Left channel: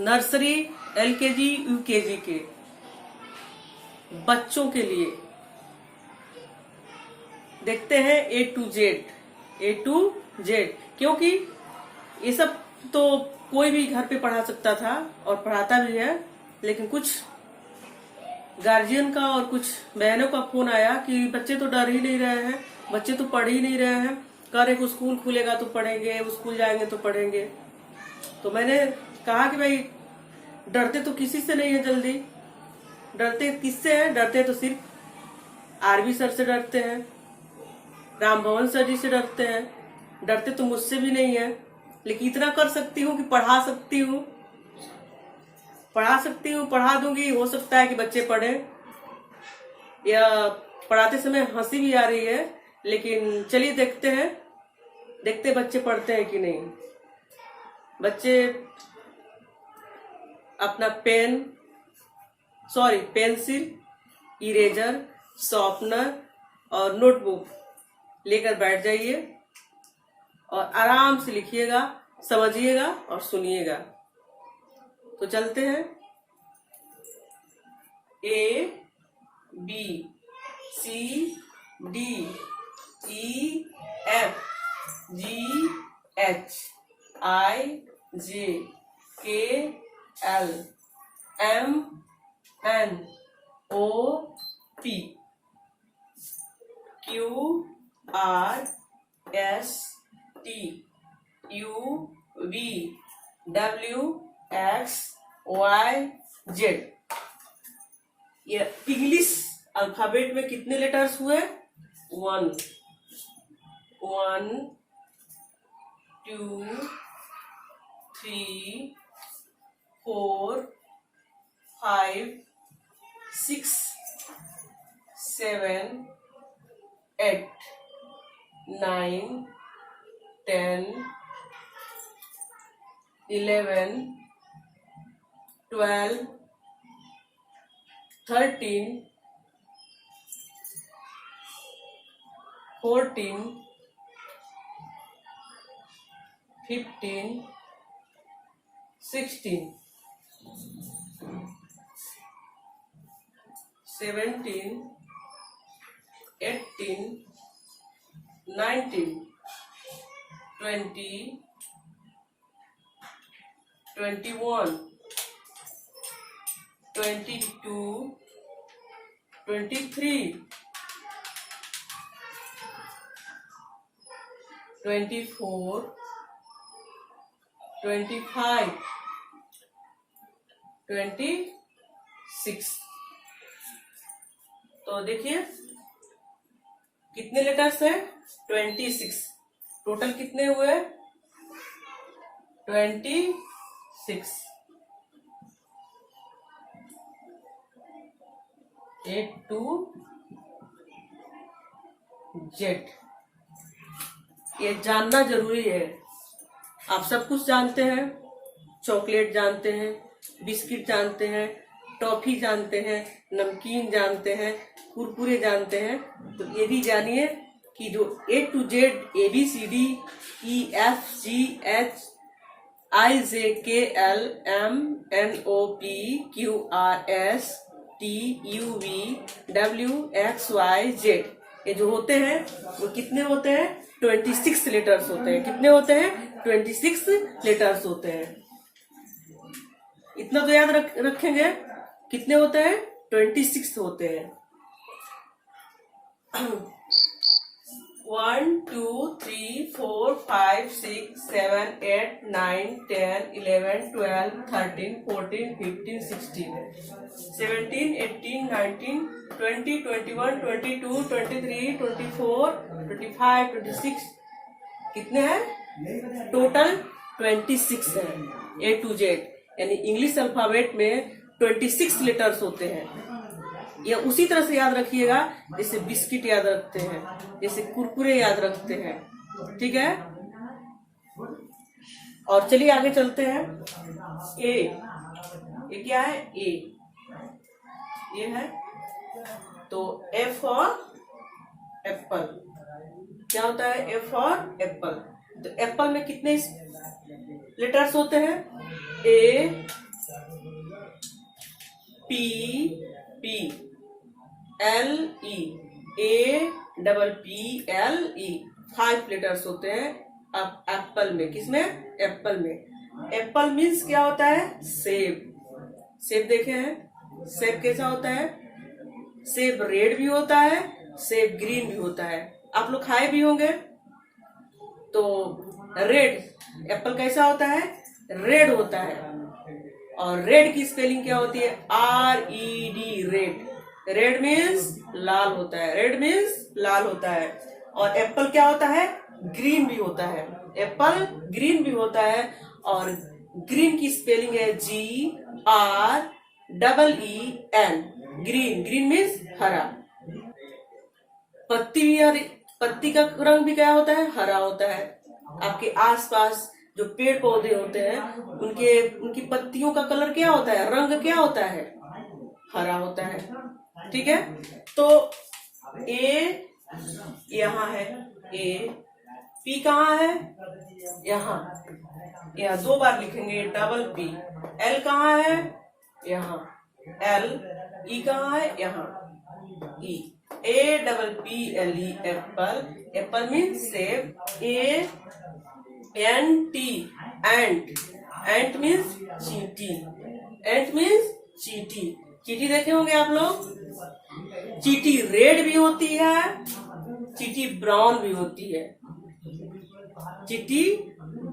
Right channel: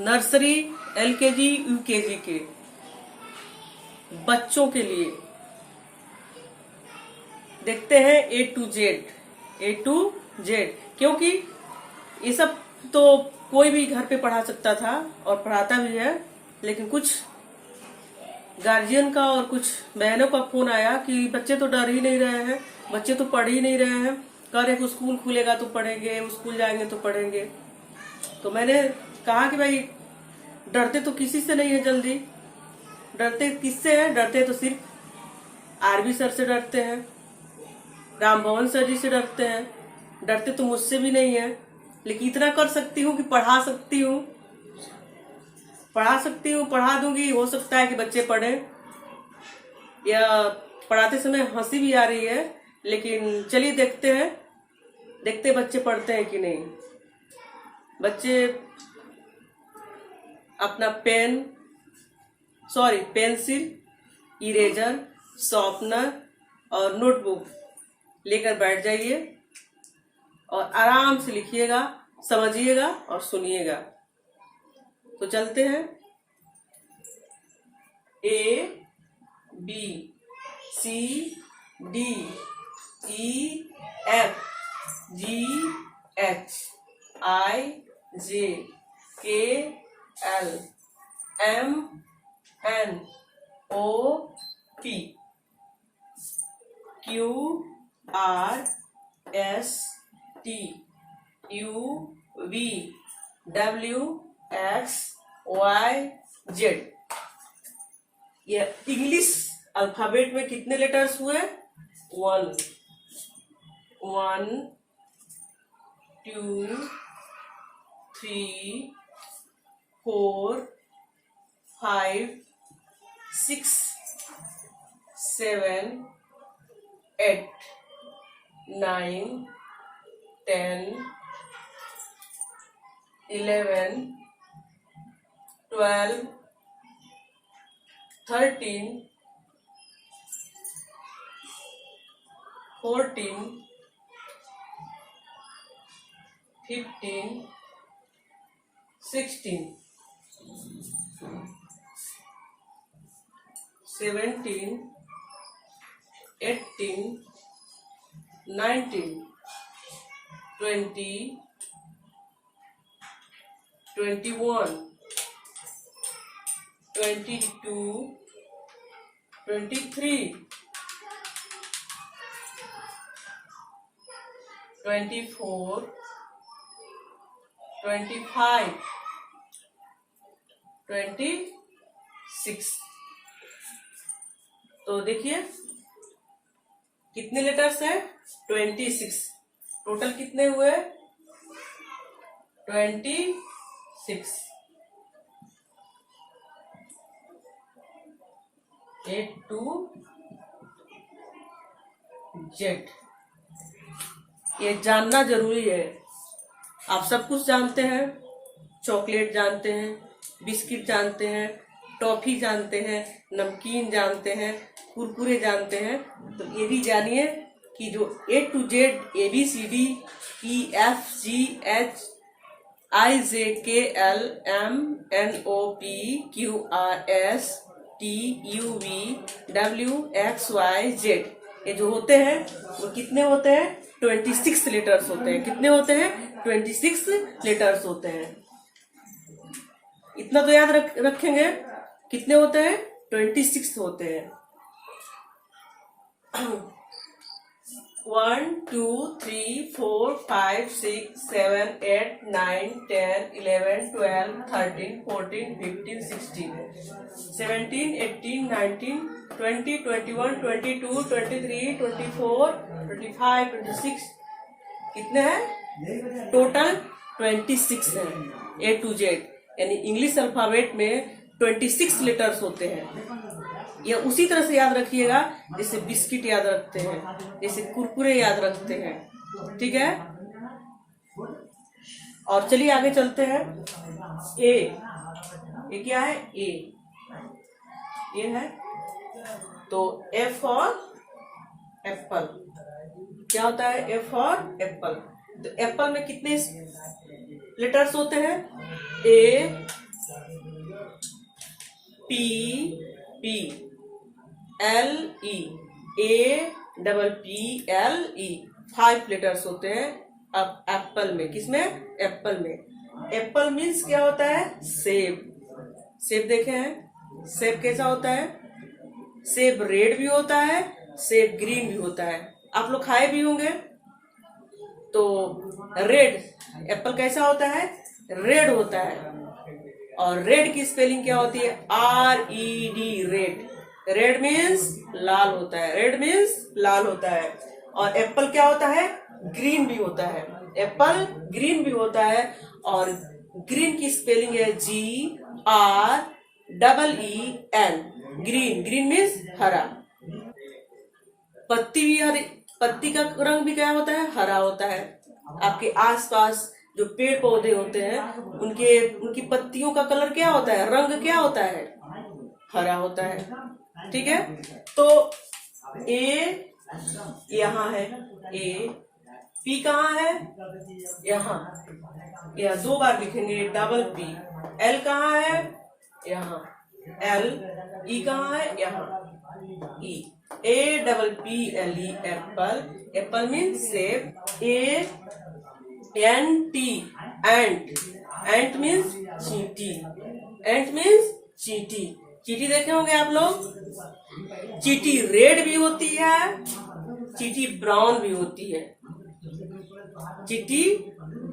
Nursery, LKG, UKG के बच्चों के लिए देखते हैं ए टू जेड, क्योंकि ये सब तो कोई भी घर पे पढ़ा सकता था और पढ़ाता भी है, लेकिन कुछ गार्जियन का और कुछ बहनों का फोन आया कि बच्चे तो डर ही नहीं रहे हैं, बच्चे तो पढ़ ही नहीं रहे हैं, कह रहे कि स्कूल खुलेगा तो पढ़ेंगे, हम स्कूल जाएंगे तो पढ़ेंगे। तो मैंने कहा कि भाई डरते तो किसी से नहीं है, जल्दी डरते किससे हैं? डरते तो सिर्फ आरबी सर से डरते हैं, राम भवन सर जी से डरते हैं, डरते तो मुझसे भी नहीं है। लेकिन इतना कर सकती हूँ कि पढ़ा सकती हूँ, पढ़ा दूंगी। हो सकता है कि बच्चे पढ़े, या पढ़ाते समय हंसी भी आ रही है, लेकिन चलिए देखते बच्चे पढ़ते हैं कि नहीं। बच्चे अपना पेंसिल, इरेजर, शॉर्पनर और नोटबुक लेकर बैठ जाइए और आराम से लिखिएगा, समझिएगा और सुनिएगा। तो चलते हैं। A B C D E F G H I J K L M N O P Q R S T U V W X Y Z। ये इंग्लिश अल्फाबेट में कितने लेटर्स हुए? 1 2 3 4 5 6 7 8 9 10 11 12 13 14 15 16 17 18 19 20 21 22 23 24 25 26। तो देखिए कितने लेटर्स हैं? 26। टोटल कितने हुए? 26। A to Z। ये जानना जरूरी है। आप सब कुछ जानते हैं, चॉकलेट जानते हैं, बिस्किट जानते हैं, टॉफी जानते हैं, नमकीन जानते हैं, कुरकुरे जानते हैं। तो ये भी जानिए कि जो A to Z, ABCD EFGH IJKL MNOP QRS TUVWXYZ, ये जो होते हैं वो कितने होते हैं? 26 लेटर्स होते हैं। कितने होते हैं? 26 लेटर्स होते हैं। इतना तो याद रखेंगे। कितने होते हैं? 26 होते हैं। 1 2 3 4 5 6 7 8 9 10 11 12 13 14 15 16 17 18 19 20 21 22 23 24 25 26। कितने हैं? टोटल 26 है। A to Z यानी इंग्लिश अल्फाबेट में 26 लेटर्स होते हैं। ये उसी तरह से याद रखिएगा जैसे बिस्किट याद रखते हैं, जैसे कुरकुरे याद रखते हैं। ठीक है। और चलिए आगे चलते हैं। ये क्या है? ये है। तो F फॉर एप्पल। क्या होता है? F for Apple. तो एप्पल में कितने लेटर्स होते हैं? A P P L E, A double P L E, 5 letters होते हैं अब एप्पल में। किसमें? एप्पल में। एप्पल मीन्स क्या होता है? सेब। सेब देखे हैं? सेब कैसा होता है? सेब रेड भी होता है, सेब ग्रीन भी होता है। आप लोग खाए भी होंगे। तो रेड एप्पल कैसा होता है? रेड होता है। और रेड की स्पेलिंग क्या होती है? RED, red. रेड मीन्स लाल होता है। रेड मीन्स लाल होता है। और एप्पल क्या होता है? ग्रीन भी होता है। एप्पल ग्रीन भी होता है। और ग्रीन की स्पेलिंग है GREEN, ग्रीन। ग्रीन मीन्स हरा। पत्ती भी हरी, पत्ती का रंग भी क्या होता है? हरा होता है। आपके आसपास जो पेड़ पौधे होते हैं उनकी पत्तियों का कलर क्या होता है? रंग क्या होता है? हरा होता है। ठीक है। तो ए यहाँ है, ए। पी कहाँ है? यहाँ। यह 2 बार लिखेंगे, डबल पी। एल कहाँ है? यहाँ। एल। ई कहाँ है? यहाँ। E. A double P L E, apple. Apple means सेब। A N T, ant. Ant means चींटी। एंट मीन्स चींटी। चींटी देखे होंगे आप लोग। चींटी रेड भी होती है, चींटी ब्राउन भी होती है, चींटी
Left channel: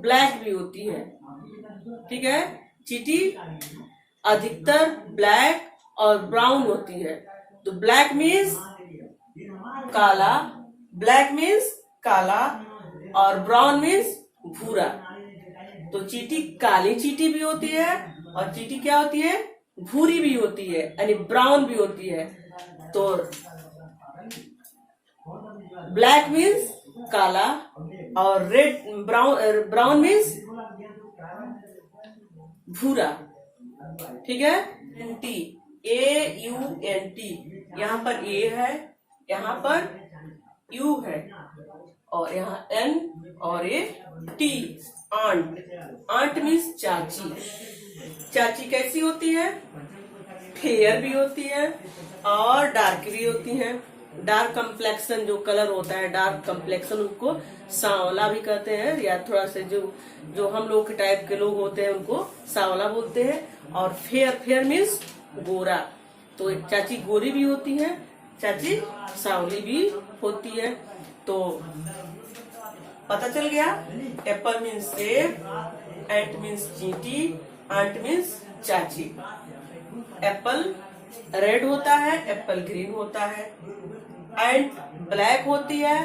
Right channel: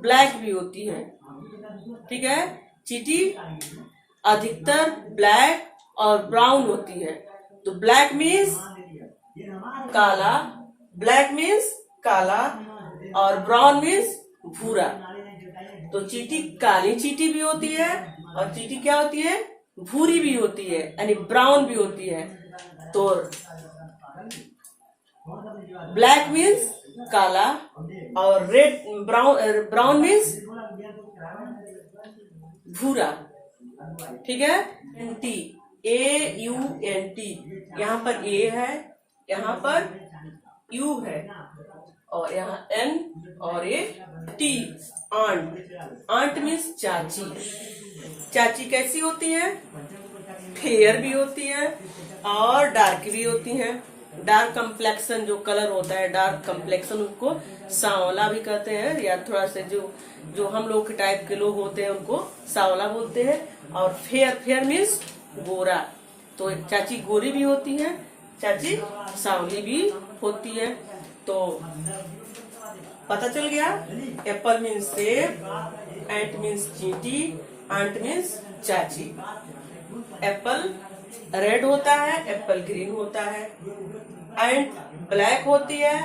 ब्लैक भी होती है। ठीक है। चींटी अधिकतर ब्लैक और ब्राउन होती है। तो ब्लैक मीन्स काला, ब्लैक मीन्स काला, और ब्राउन मीन्स भूरा। तो चींटी काली चींटी भी होती है, और चींटी क्या होती है? भूरी भी होती है, यानी ब्राउन भी होती है। तो ब्लैक मीन्स काला, और रेड ब्राउन मीन्स भूरा। ठीक है। एंटी, AUNT, यहाँ पर ए है, यहाँ पर यू है, और यहाँ एन और ये टी। आंट। आंट मीन्स चाची। चाची कैसी होती है? फेयर भी होती है और डार्क भी होती है। डार्क कम्प्लेक्शन जो कलर होता है, डार्क कम्प्लेक्शन, उसको सांवला भी कहते हैं, या थोड़ा से जो हम लोग के टाइप के लोग होते हैं उनको सांवला बोलते हैं। और फेयर, फेयर मीन्स गोरा। तो एक चाची गोरी भी होती है, चाची सांवली भी होती है। तो पता चल गया। एप्पल मीन्स सेब, एंट मीन्स चींटी, आंट मीन्स चाची। एप्पल रेड होता है, एप्पल ग्रीन होता है, एंट ब्लैक होती है,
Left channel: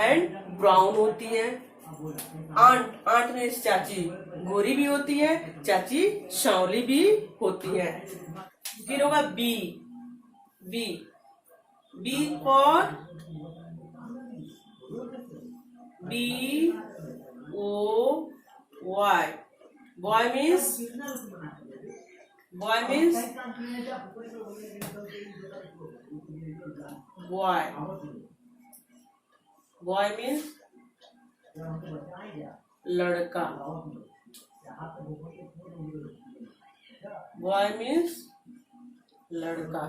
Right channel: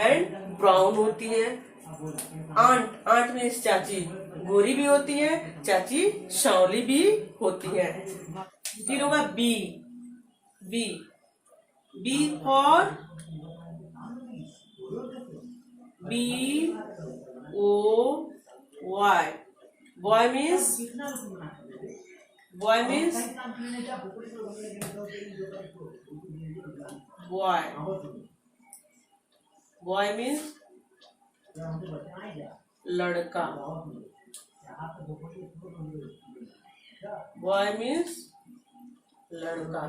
एंट ब्राउन होती है। आंट, आंट मीन्स चाची गोरी भी होती है, चाची सांवली भी होती है। फिर होगा B. B, B for BOY, boy means boy means लड़का। boy means लड़का।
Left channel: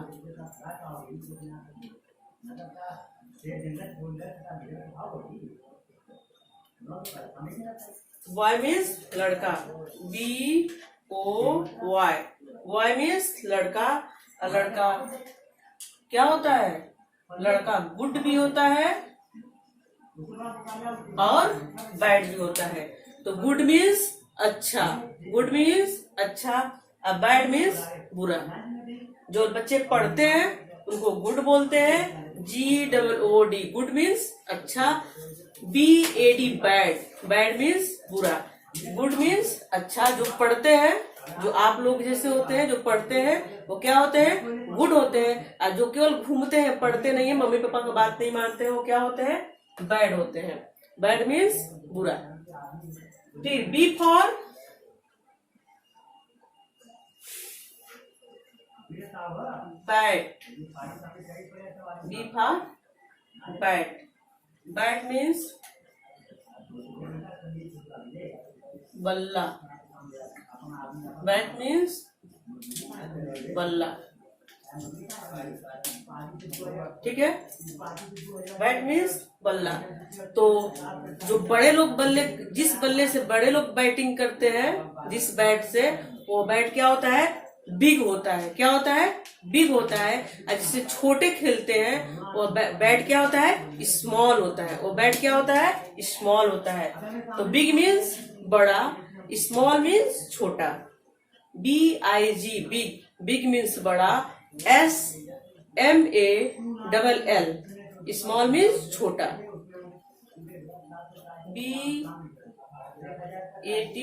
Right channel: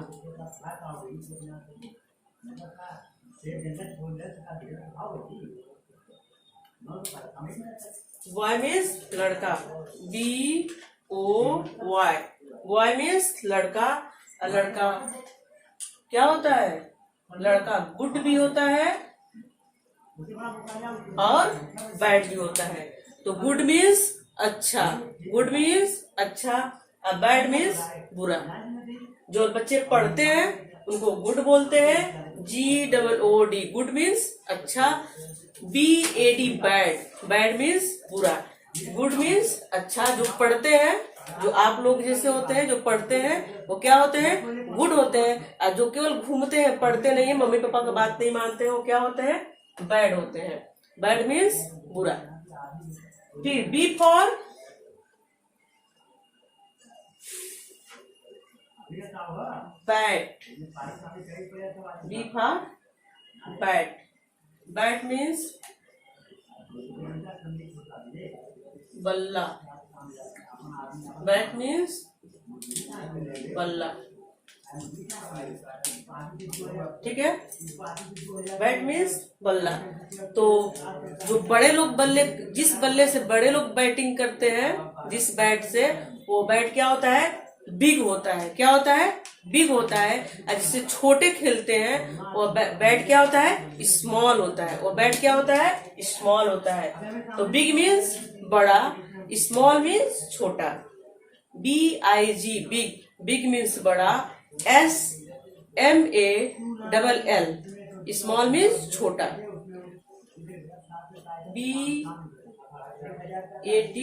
बॉय मीन्स लड़का, BOY। बॉय मीन्स लड़का। लड़का क्या होता है? लड़का गुड भी होता है और बैड भी होता है। तो गुड मीन्स अच्छा, गुड मीन्स अच्छा, और बैड मीन्स बुरा। जो बच्चे पढ़ते हैं उनको गुड बोलते हैं, GOOD, गुड मीन्स अच्छा। BAD, बैड, बैड मीन्स बुरा। गुड मीन्स अच्छा। जो पढ़ते हैं, जो आप लोग जैसे होते हैं, जो पढ़ते हैं वो क्या होते हैं? गुड होते हैं। और जो केवल घूमते हैं, पढ़ते नहीं है, मम्मी पापा की बात नहीं मानते हैं, वो क्या होते हैं? बैड होते हैं। बैड मीन्स बुरा। फिर B for bat. B for bat. Bat means बल्ला। बैट मीन्स बल्ला, ठीक है। बैट मीन्स बल्ला। तो जो बड़े लोग बल्ले, जिस बल्ले से बड़े लोग बैटिंग करते हैं, जिस बैट से, वो बैट क्या होता है? बिग होता है। क्या होता है? बिग होता है। और जिससे छोटे खेलते हैं वो बैट क्या होता है? स्मॉल होता है। वो बैट क्या होता है? स्मॉल होता है। तो बिग मीन्स बड़ा, स्मॉल मीन्स छोटा। BIG बिग, बिग मीन्स बड़ा, SMALL स्मॉल मीन्स छोटा। BAT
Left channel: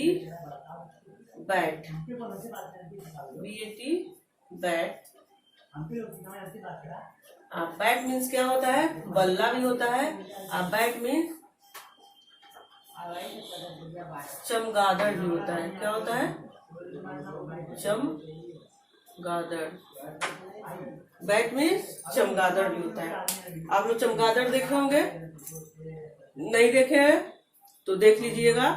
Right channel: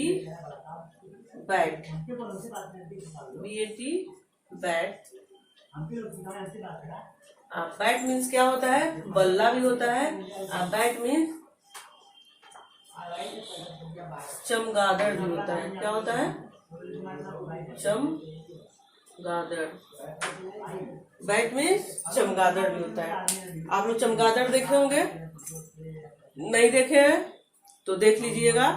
bat, BAT bat. Bat means क्या होता है? बल्ला भी होता है। बैट मीन्स चमगादड़ भी होता है। क्या होता है? चमगादड़। बैट मीन्स चमगादड़ भी होता है। आप लोग चमगादड़ देखे होंगे? नहीं देखे हैं तो देख लीजिएगा।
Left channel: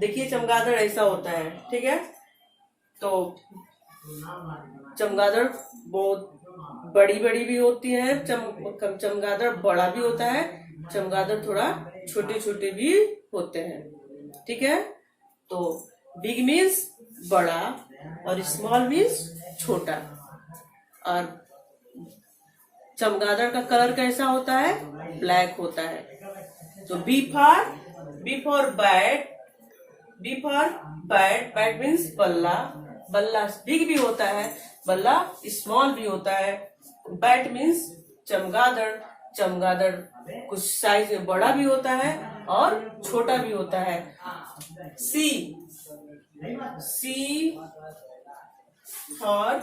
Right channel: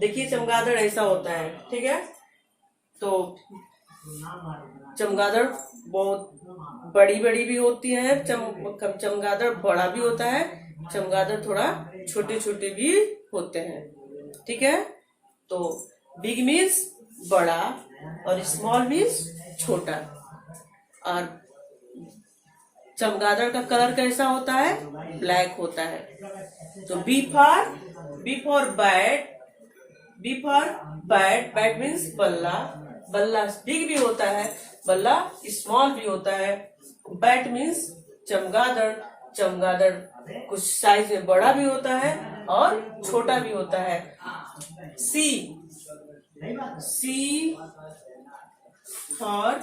देखिए चमगादड़ ऐसा होता है, ठीक है। तो चमगादड़ बहुत बड़ी बड़ी भी होती है, चमगादड़ बड़ा भी होता है, चमगादड़ थोड़ा छोटे छोटे भी होते हैं, ठीक है। तो बिग मीन्स बड़ा और स्मॉल मीन्स छोटा। और चमगादड़ का कलर कैसा होता है? ब्लैक होता है। तो B for bat, B for bat, bat means बल्ला, बल्ला बिग भी होता है, बल्ला स्मॉल भी होता है। बैट मीन्स चमगादड़, चमगादड़ कुछ साइज में बड़ा भी होता है और छोटा भी होता है। C for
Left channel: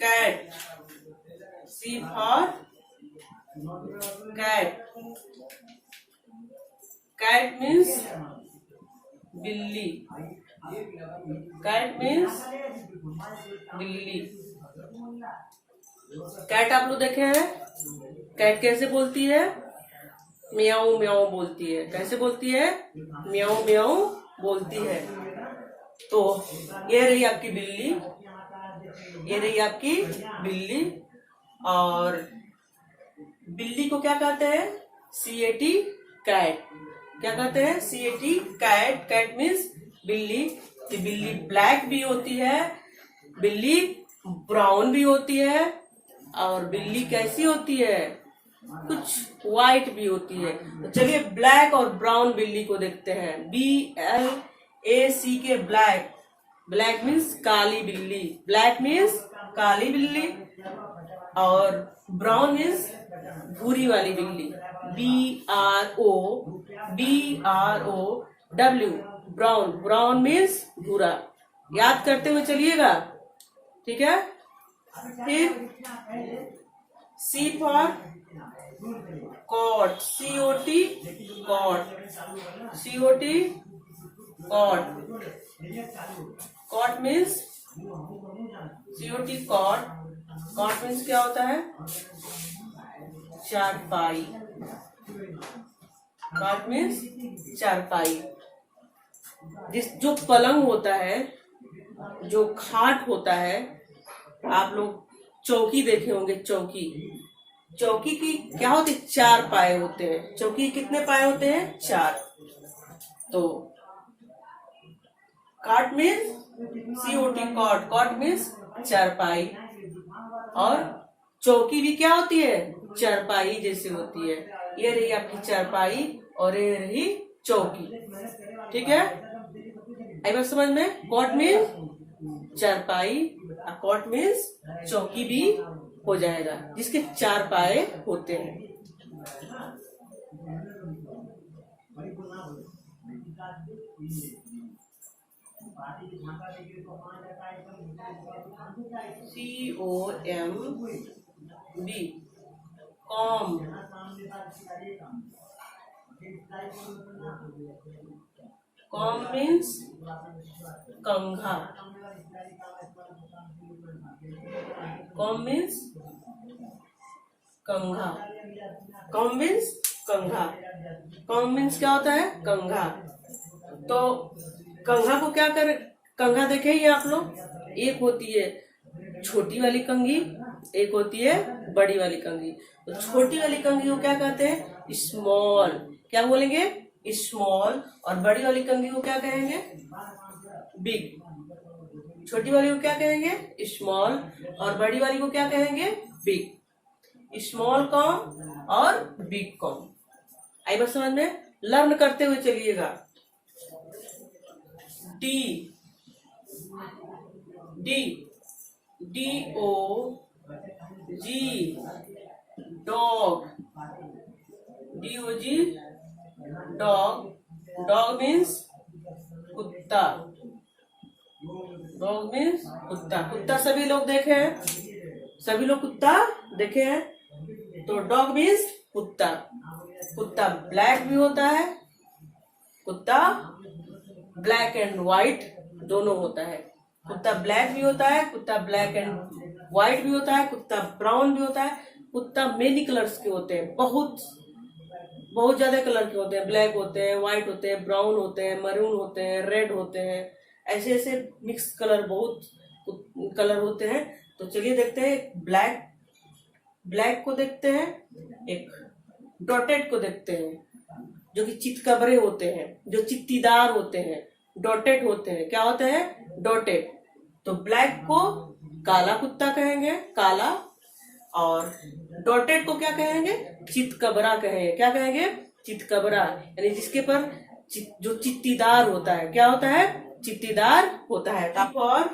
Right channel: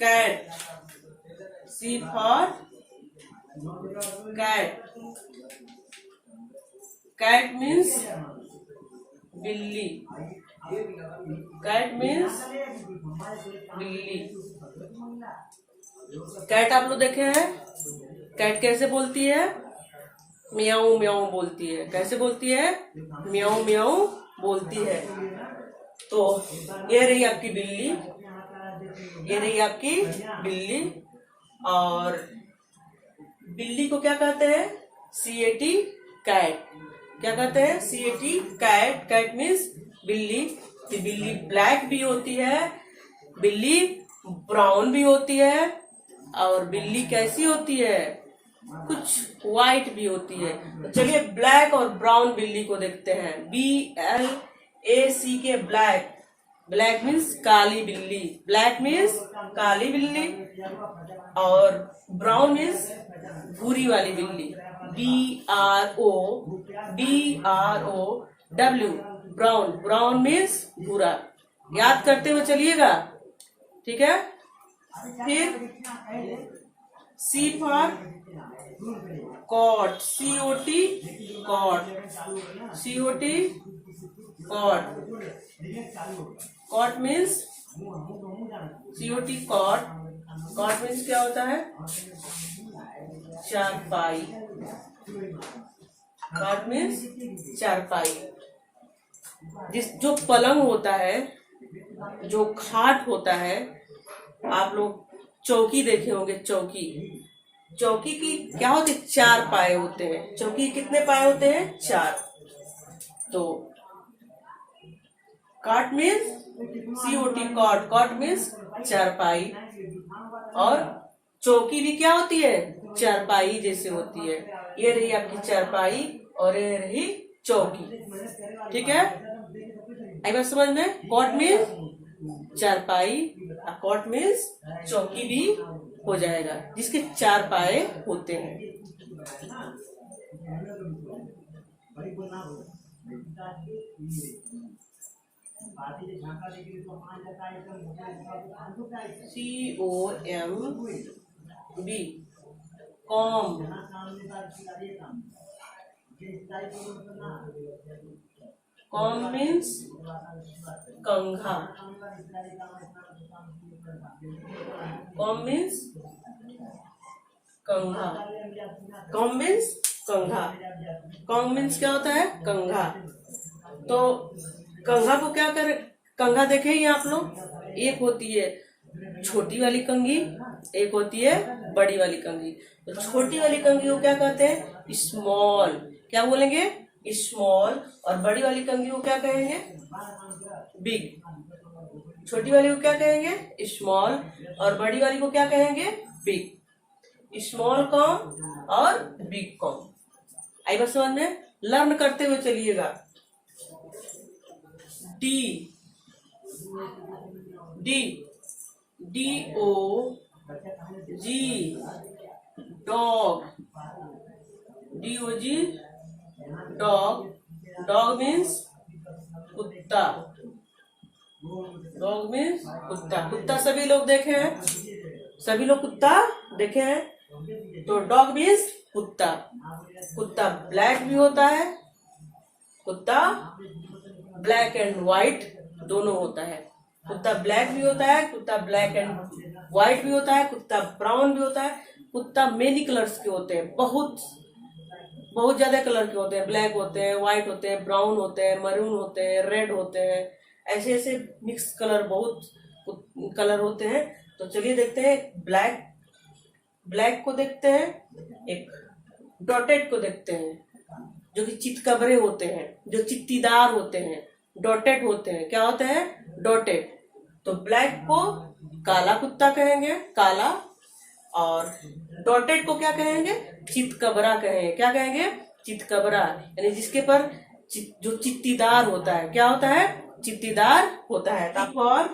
cat, C for cat, cat means बिल्ली, कैट मीन्स बिल्ली। कैट आप लोग देखे हैं? कैट कैसे बोलती है? म्याऊ म्याऊ बोलती है। कैसे बोलती है? म्याऊ म्याऊ बोलती है। तो ये रही आपकी बिल्ली, ये रही आपकी बिल्ली। और बिल्ली को क्या कहते हैं? CAT cat. क्या कहते हैं? CAT cat. कैट मीन्स बिल्ली। तो बिल्ली ब्लैक भी होती है, बिल्ली ब्राउन भी होती है, और बिल्ली कैसी होती है? कुछ व्हाइट भी होती है। तो चलिए ब्लैक और ब्राउन बिल्ली को देखते हैं। BLACK ब्लैक, ब्लैक मीन्स काली बिल्ली, ब्लैक मीन्स काली बिल्ली। और ब्राउन मीन्स भूरी वाली बिल्ली, BROW, ब्राउन, ब्राउन मीन्स भूरा। याद करते हुए चलिएगा, ठीक है। फिर C for cot, COT cot, COT cot, cot means COT cot. Cot means क्या होता है? चारपाई, कॉट मीन्स चारपाई। जो पलंग होता है, जो खाट होता है, आप लोग चौकी देखे होंगे। चौकी, चौकी की क्या होती है? 4 पाए होते हैं। चौकी कितने पाए होते हैं? 4। तो cot means COT cot, cot means चारपाई। और चौकी भी क्या होती है? चारपाई जैसे होती है। ये रही आपकी चारपाई और ये रही चौकी, ठीक है। आई बात समझ में? कॉट मीन्स चारपाई, कॉट मीन्स चौकी भी हो जाएगा, जिसके 4 पाए होते हैं। COMB कॉम, कॉम मीन्स कंघा, कॉम मीन्स कंघा, कॉम मीन्स कंघा। कॉम मीन्स क्या होता है? कंघा। तो कंघा को क्या कंघा देखे ही आप लोग, एक होती है छोटी वाली कंघी, एक होती है बड़ी वाली कंघी। तो छोटी वाली कंघी को क्या कहते हैं? स्मॉल। क्या बोलेंगे? स्मॉल। और बड़ी वाली कंघी को क्या कहेंगे? बिग। छोटी वाली को क्या कहेंगे? स्मॉल। और बड़ी वाली को क्या कहेंगे? बिग। स्मॉल कॉम और बिग कॉम। आई बात समझ में? लर्न करते हुए चलिएगा। D, D, DOG, dog, DOG, dog. Dog means कुत्ता। डॉग मीन्स कुत्ता। कुत्ता सभी लोग देखे हैं, सभी लोग कुत्ता देखे हैं। तो डॉग मीन्स कुत्ता। कुत्ता ब्लैक भी होता है, कुत्ता ब्लैक एंड व्हाइट दोनों होता है। कुत्ता ब्लैक भी होता है, कुत्ता ब्लैक एंड व्हाइट भी होता है, कुत्ता ब्राउन भी होता है। कुत्ता मेनी कलर्स के होते हैं, बहुत बहुत ज्यादा कलर के होते हैं। ब्लैक होते हैं, व्हाइट होते हैं, ब्राउन होते हैं, मरून होते हैं, रेड होते हैं। ऐसे ऐसे मिक्स कलर, बहुत कलर होते हैं। तो चलिए देखते हैं। ब्लैक को देखते हैं, एक डॉटेड को देखते हैं, जो कि चितकबरे होते हैं, जो चित्तीदार होते हैं, डॉटेड होते हैं। क्या होते हैं? डॉटेड। तो ब्लैक को काला कुत्ता कहेंगे, काला। और डॉटेड को क्या कहेंगे? चितकबरा कहेंगे। क्या कहेंगे? चितकबरा। यानी जिसके पर जो चित्तीदार होता है। क्या होता है? चित्तीदार होता है। और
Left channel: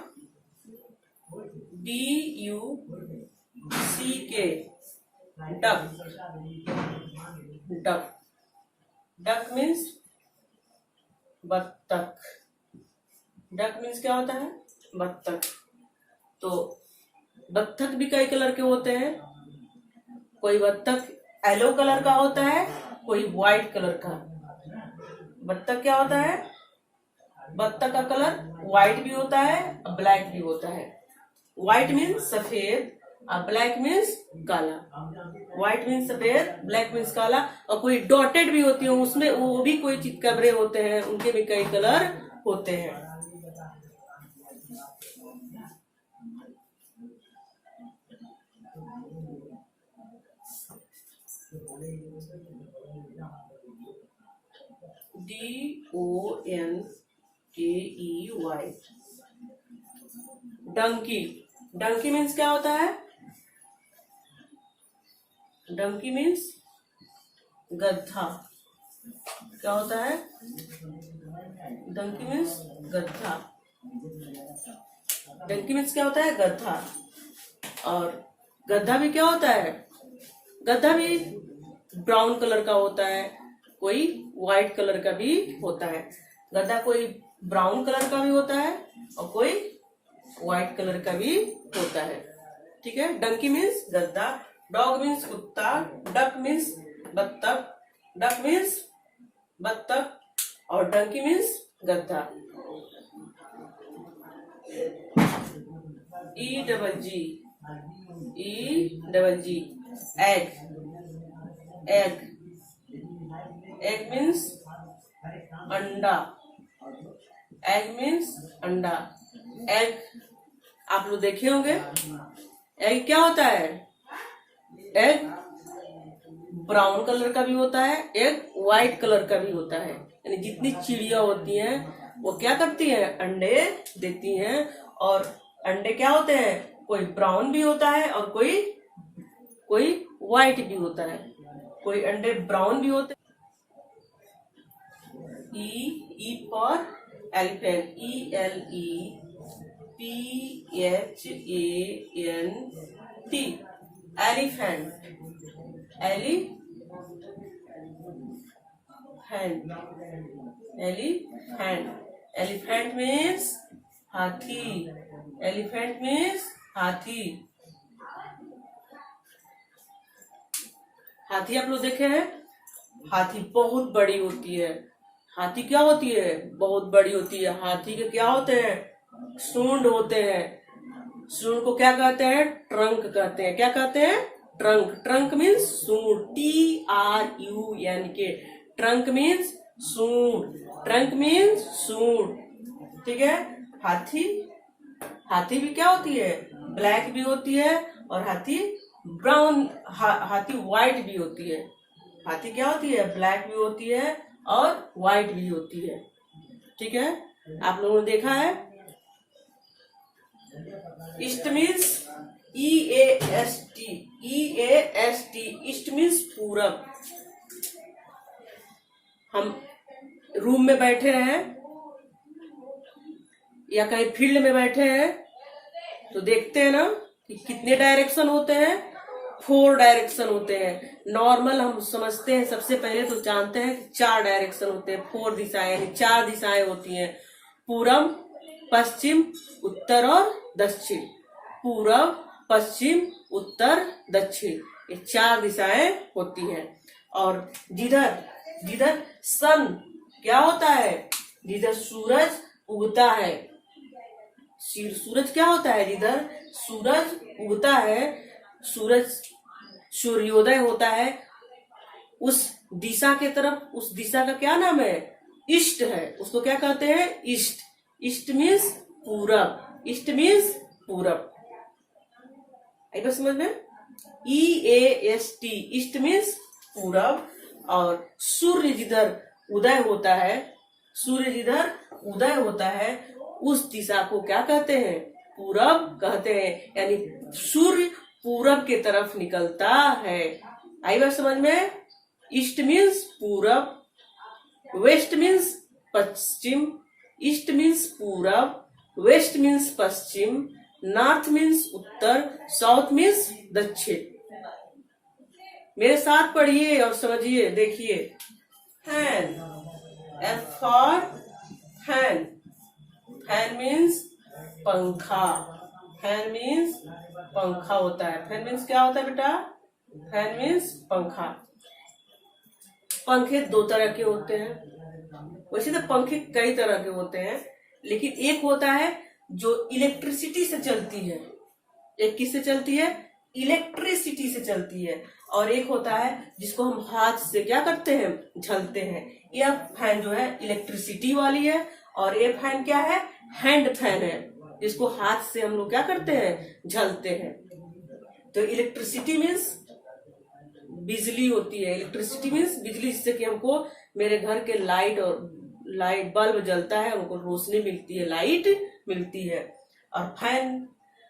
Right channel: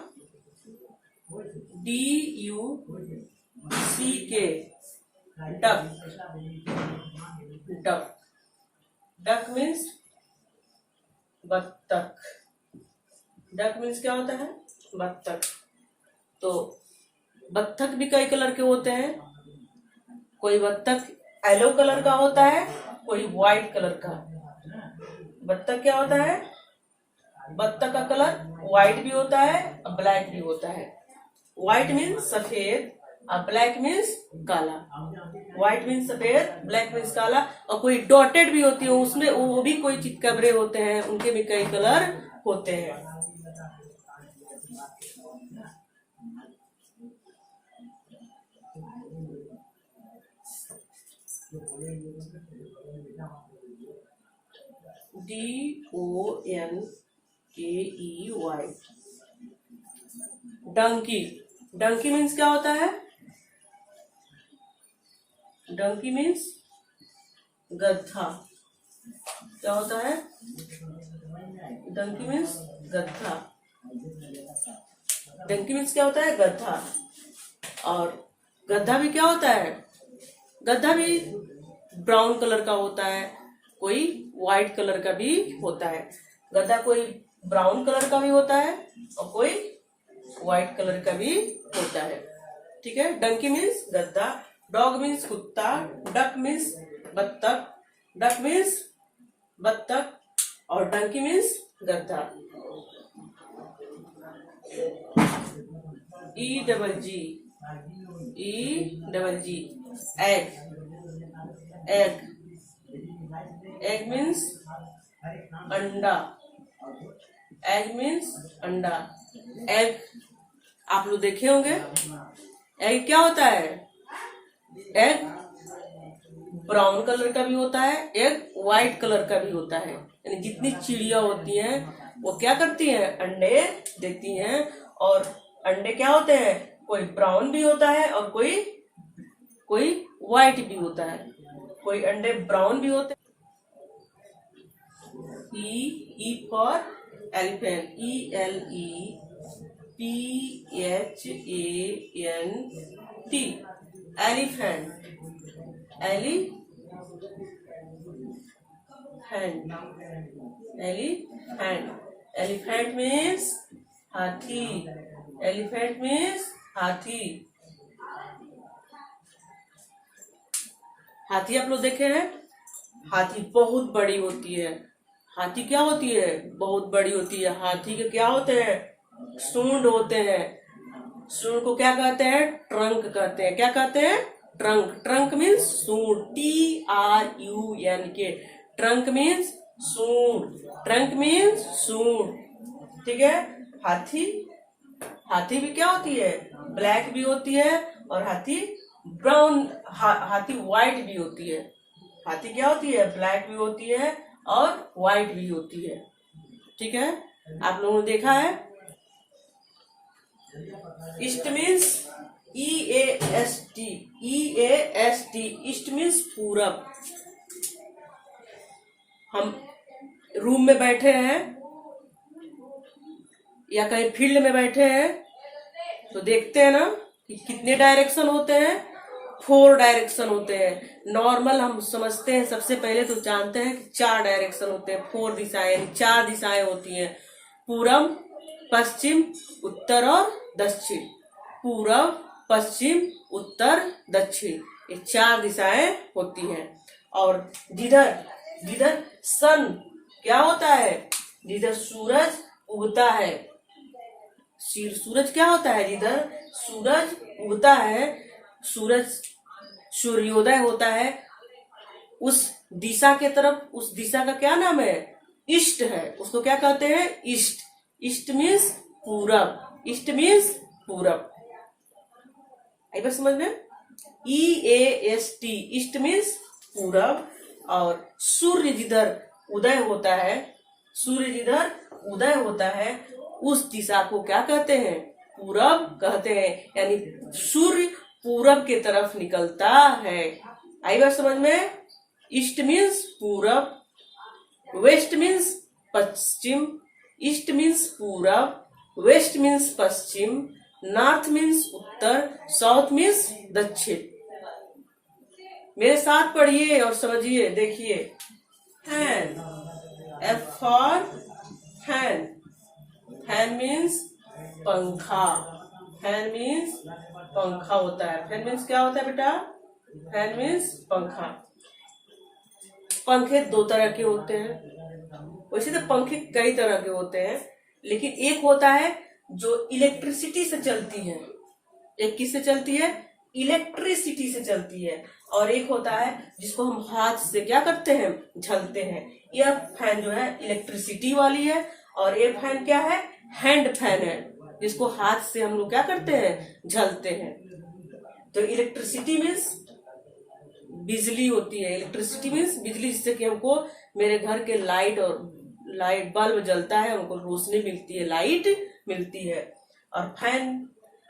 DUCK, duck. Duck, duck means बत्तख। डक मीन्स क्या होता है? बत्तख। तो बत्तख भी कई कलर के होते हैं। कोई बत्तख येलो कलर का होता है, कोई व्हाइट कलर का। बत्तख क्या होता है? बत्तख का कलर व्हाइट भी होता है और ब्लैक भी होता है। व्हाइट मीन्स सफेद और ब्लैक मीन्स काला। व्हाइट मीन्स सफेद, ब्लैक मीन्स काला। और कोई डॉटेड भी होती है, उसमें वो भी कोई चितकबरे होते हैं, उनके भी कई कलर होते हैं। DONKEY, डंकी। डंकी मीन्स क्या होता है? डंकी मीन्स गधा। क्या होता है? डंकी मीन्स गधा। डंकी मीन्स क्या होता है? गधा। और गधा भी क्या होता है? गधा भी ब्राउन कलर का होता है, कोई व्हाइट कलर का भी होता है। गधा कोई ब्राउन कलर का भी होता है और कोई व्हाइट कलर का भी होता है। ठीक है? डंकी मीन्स गधा, डॉग मीन्स कुत्ता, डक मीन्स बत्तख, डक मीन्स बत्तख और डंकी मीन्स गधा। EGG, egg. Egg, egg means अंडा। एग मीन्स अंडा। एग आप लोग देखे होंगे। एग क्या होता है? एग ब्राउन कलर का भी होता है, एग व्हाइट कलर का भी होता है। यानी जितनी चिड़िया होती हैं वो क्या करती हैं? अंडे देती हैं। और अंडे क्या होते हैं? कोई ब्राउन भी होता है और कोई व्हाइट भी होता है। कोई अंडे ब्राउन भी होते हैं। E for elephant, ELEPHANT, elephant. Elephant means हाथी। एलिफेंट मीन्स हाथी। हाथी आप लोग देखे हैं? हाथी बहुत बड़ी होती है। हाथी क्या होती है? बहुत बड़ी होती है। हाथी के क्या होते हैं? सूंड होते हैं। सूंड को क्या कहते हैं? ट्रंक कहते हैं। क्या कहते हैं? ट्रंक। ट्रंक मीन्स सूंड, TRUNK। ट्रंक मीन्स सूंड। ट्रंक मीन्स सूंड। ठीक है? हाथी, हाथी भी क्या होती है, ब्लैक भी होती है, और हाथी ब्राउन, हाथी व्हाइट भी होती है। हाथी क्या होती है, ब्लैक भी होती है और व्हाइट भी होती है। ठीक है, आप लोगों ने देखा है। East means EAST, EAST, east means पूरब। हम रूम में बैठे हैं या कहीं फील्ड में बैठे हैं तो देखते हैं ना कि कितने डायरेक्शन होते हैं, 4 डायरेक्शन होते हैं। नॉर्मल हम समझते हैं, सबसे पहले तो जानते हैं कि 4 डायरेक्शन होते हैं, 4 दिशाएं, यानी 4 दिशाएं होती हैं, पूरब, पश्चिम, उत्तर और दक्षिण। पूरब, पश्चिम, उत्तर, दक्षिण, ये 4 दिशाएं होती हैं। और जिधर जिधर सन क्या होता है, जिधर सूरज उगता है, सूरज क्या होता है, जिधर सूरज उगता है, सूरज सूर्योदय होता है, उस दिशा के तरफ, उस दिशा का क्या नाम है, ईस्ट है। उसको क्या कहते हैं, ईस्ट। ईस्ट मीन्स पूरब, ईस्ट मीन्स पूरब। आई बात समझ में, EAST, ईस्ट मीन्स पूरब। और सूर्य जिधर उदय होता है, सूर्य जिधर उदय होता है, उस दिशा को क्या कहते हैं, पूरब कहते हैं। यानी सूर्य पूरब के तरफ निकलता है। आई बात समझ में। ईस्ट मीन्स पूरब, वेस्ट मीन्स पश्चिम, ईस्ट मीन्स पूरब, वेस्ट मीन्स पश्चिम, नॉर्थ मीन्स उत्तर, साउथ मीन्स दक्षिण। मेरे साथ पढ़िए और समझिए, देखिए। Fan, F for fan, fan means पंखा, फैन मीन्स पंखा होता है। फैन मीन्स क्या होता है बेटा, फैन मीन्स पंखा। पंखे 2 तरह के होते हैं, वैसे तो पंखे कई तरह के होते हैं, लेकिन एक होता है जो इलेक्ट्रिसिटी से चलती है, एक किससे चलती है, इलेक्ट्रिसिटी से चलती है, और एक होता है जिसको हम हाथ से क्या करते हैं, झलते हैं। यह फैन जो है इलेक्ट्रिसिटी वाली है, और ये फैन क्या है, हैंड फैन है, जिसको हाथ से हम लोग क्या करते हैं, झलते हैं। तो इलेक्ट्रिसिटी मीन्स बिजली होती है, इलेक्ट्रिसिटी मीन्स बिजली, जिससे कि हमको मेरे घर के लाइट बल्ब जलता है, हमको रोशनी मिलती है, लाइट मिलती है। और फैन,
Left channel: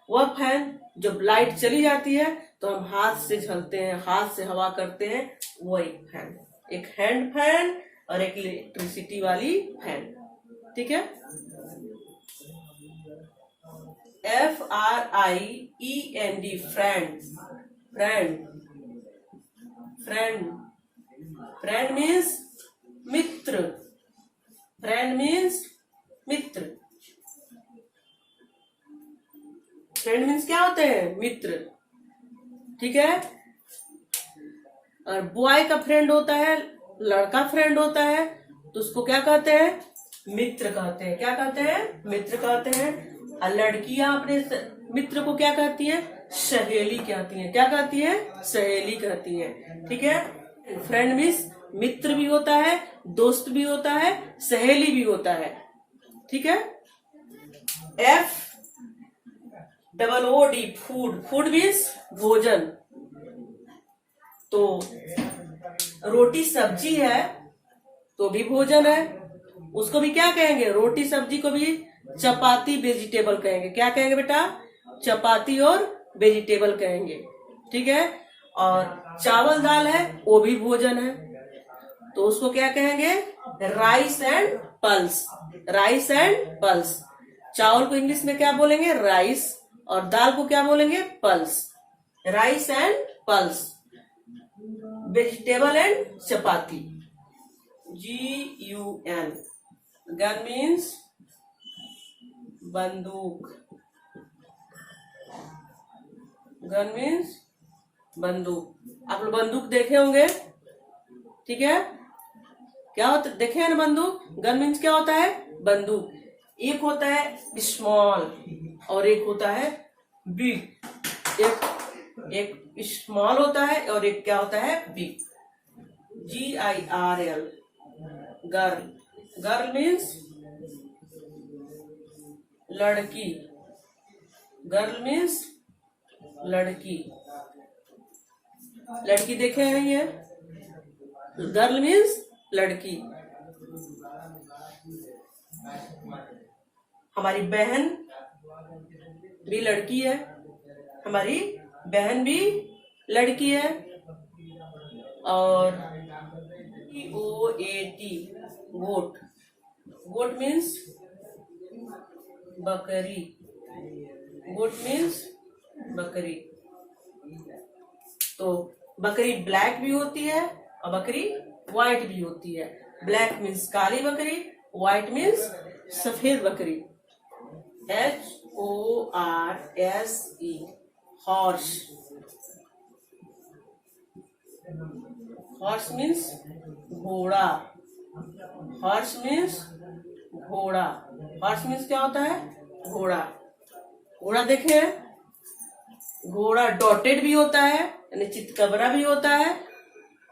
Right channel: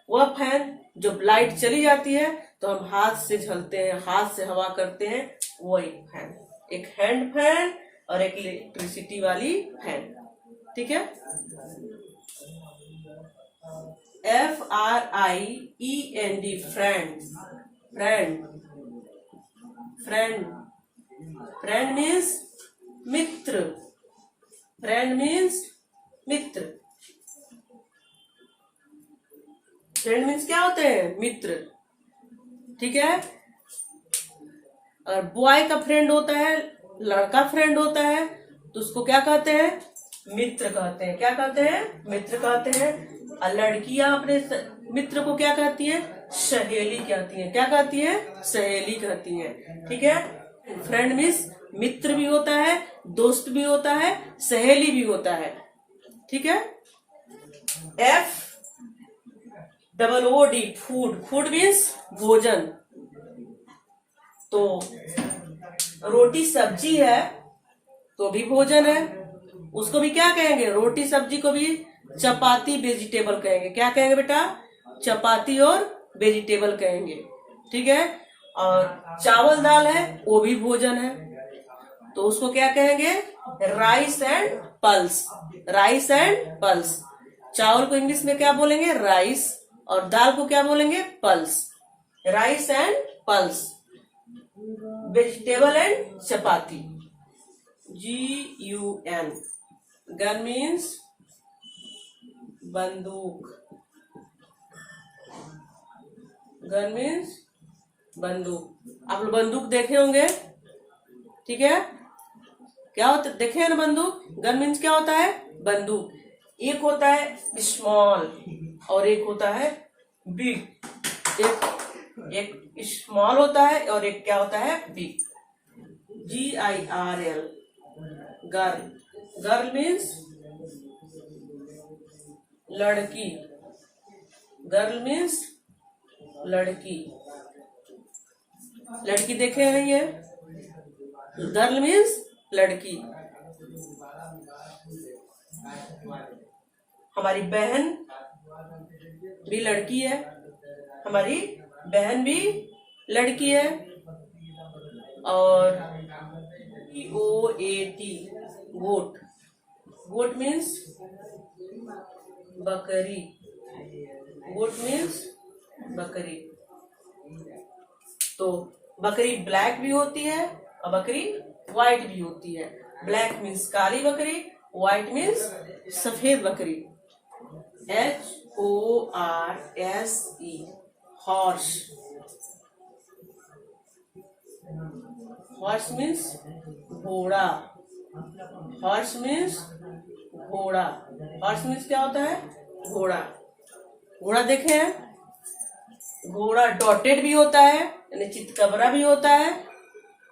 वह फैन जब लाइट चली जाती है तो हम हाथ से झलते हैं, हाथ से हवा करते हैं, वो एक फैन, एक हैंड फैन और एक इलेक्ट्रिसिटी वाली फैन। ठीक है। FRIEND, friend, friend, friend, friend means मित्र, फ्रेंड मीन्स मित्र। फ्रेंड मीन्स क्या होते हैं, मित्र। ठीक है। और बॉय का फ्रेंड होता है, लड़का फ्रेंड होता है, तो उसको क्या कहते हैं, मित्र कहते हैं। क्या कहते हैं, मित्र कहते हैं। और लड़कियां अपने मित्र को क्या कहती है, सहेली कहती है। क्या कहती है, सहेली कहती है। ठीक है। फ्रेंड मीन्स मित्र भी होता है, दोस्त भी होता है, सहेली भी होता है। ठीक है। FOOD, फूड, फूड मीन्स भोजन। तो रोटी सब्जी है तो भी भोजन है, उसको भी क्या कहेंगे, रोटी सब्जी को भी चपाती वेजिटेबल कहेंगे। क्या कहेंगे बेटा, चपाती और वेजिटेबल कहेंगे। ठीक है। और चावल दाल है वो भी भोजन है, तो उसको क्या कहेंगे, rice and pulse, rice and pulse. चावल को इंग्लिश में क्या बोलेंगे, राइस, और दाल को क्या बोलेंगे, pulse, rice and pulse. Vegetable and chapati, GUN। Gun means बंदूक, गन मीन्स बंदूक। आप लोग बंदूक देखे होंगे। ठीक है। क्या होता, देखे हैं ना बंदूक। गन मीन्स क्या होता है, बंदूक। एक होता है स्मॉल और एक होता है बिग। एक स्मॉल होता है और एक क्या होता है, big. GIRL, girl. Girl means लड़की, गर्ल मीन्स लड़की। लड़की देखे हैं ये, गर्ल मीन्स लड़की। हमारी बहन भी लड़की है, हमारी बहन भी लड़की है। और GOAT गोट, गोट मीन्स बकरी, गोट मीन्स बकरी। तो बकरी ब्लैक भी होती है और बकरी व्हाइट भी होती है। ब्लैक मीन्स काली बकरी, व्हाइट मीन्स सफेद बकरी। HORSE हॉर्स, हॉर्स मीन्स घोड़ा, हॉर्स मीन्स घोड़ा। हॉर्स मीन्स क्या होता है? घोड़ा। घोड़ा देखे हैं, घोड़ा डॉटेड भी होता है यानी चितकबरा भी होता है,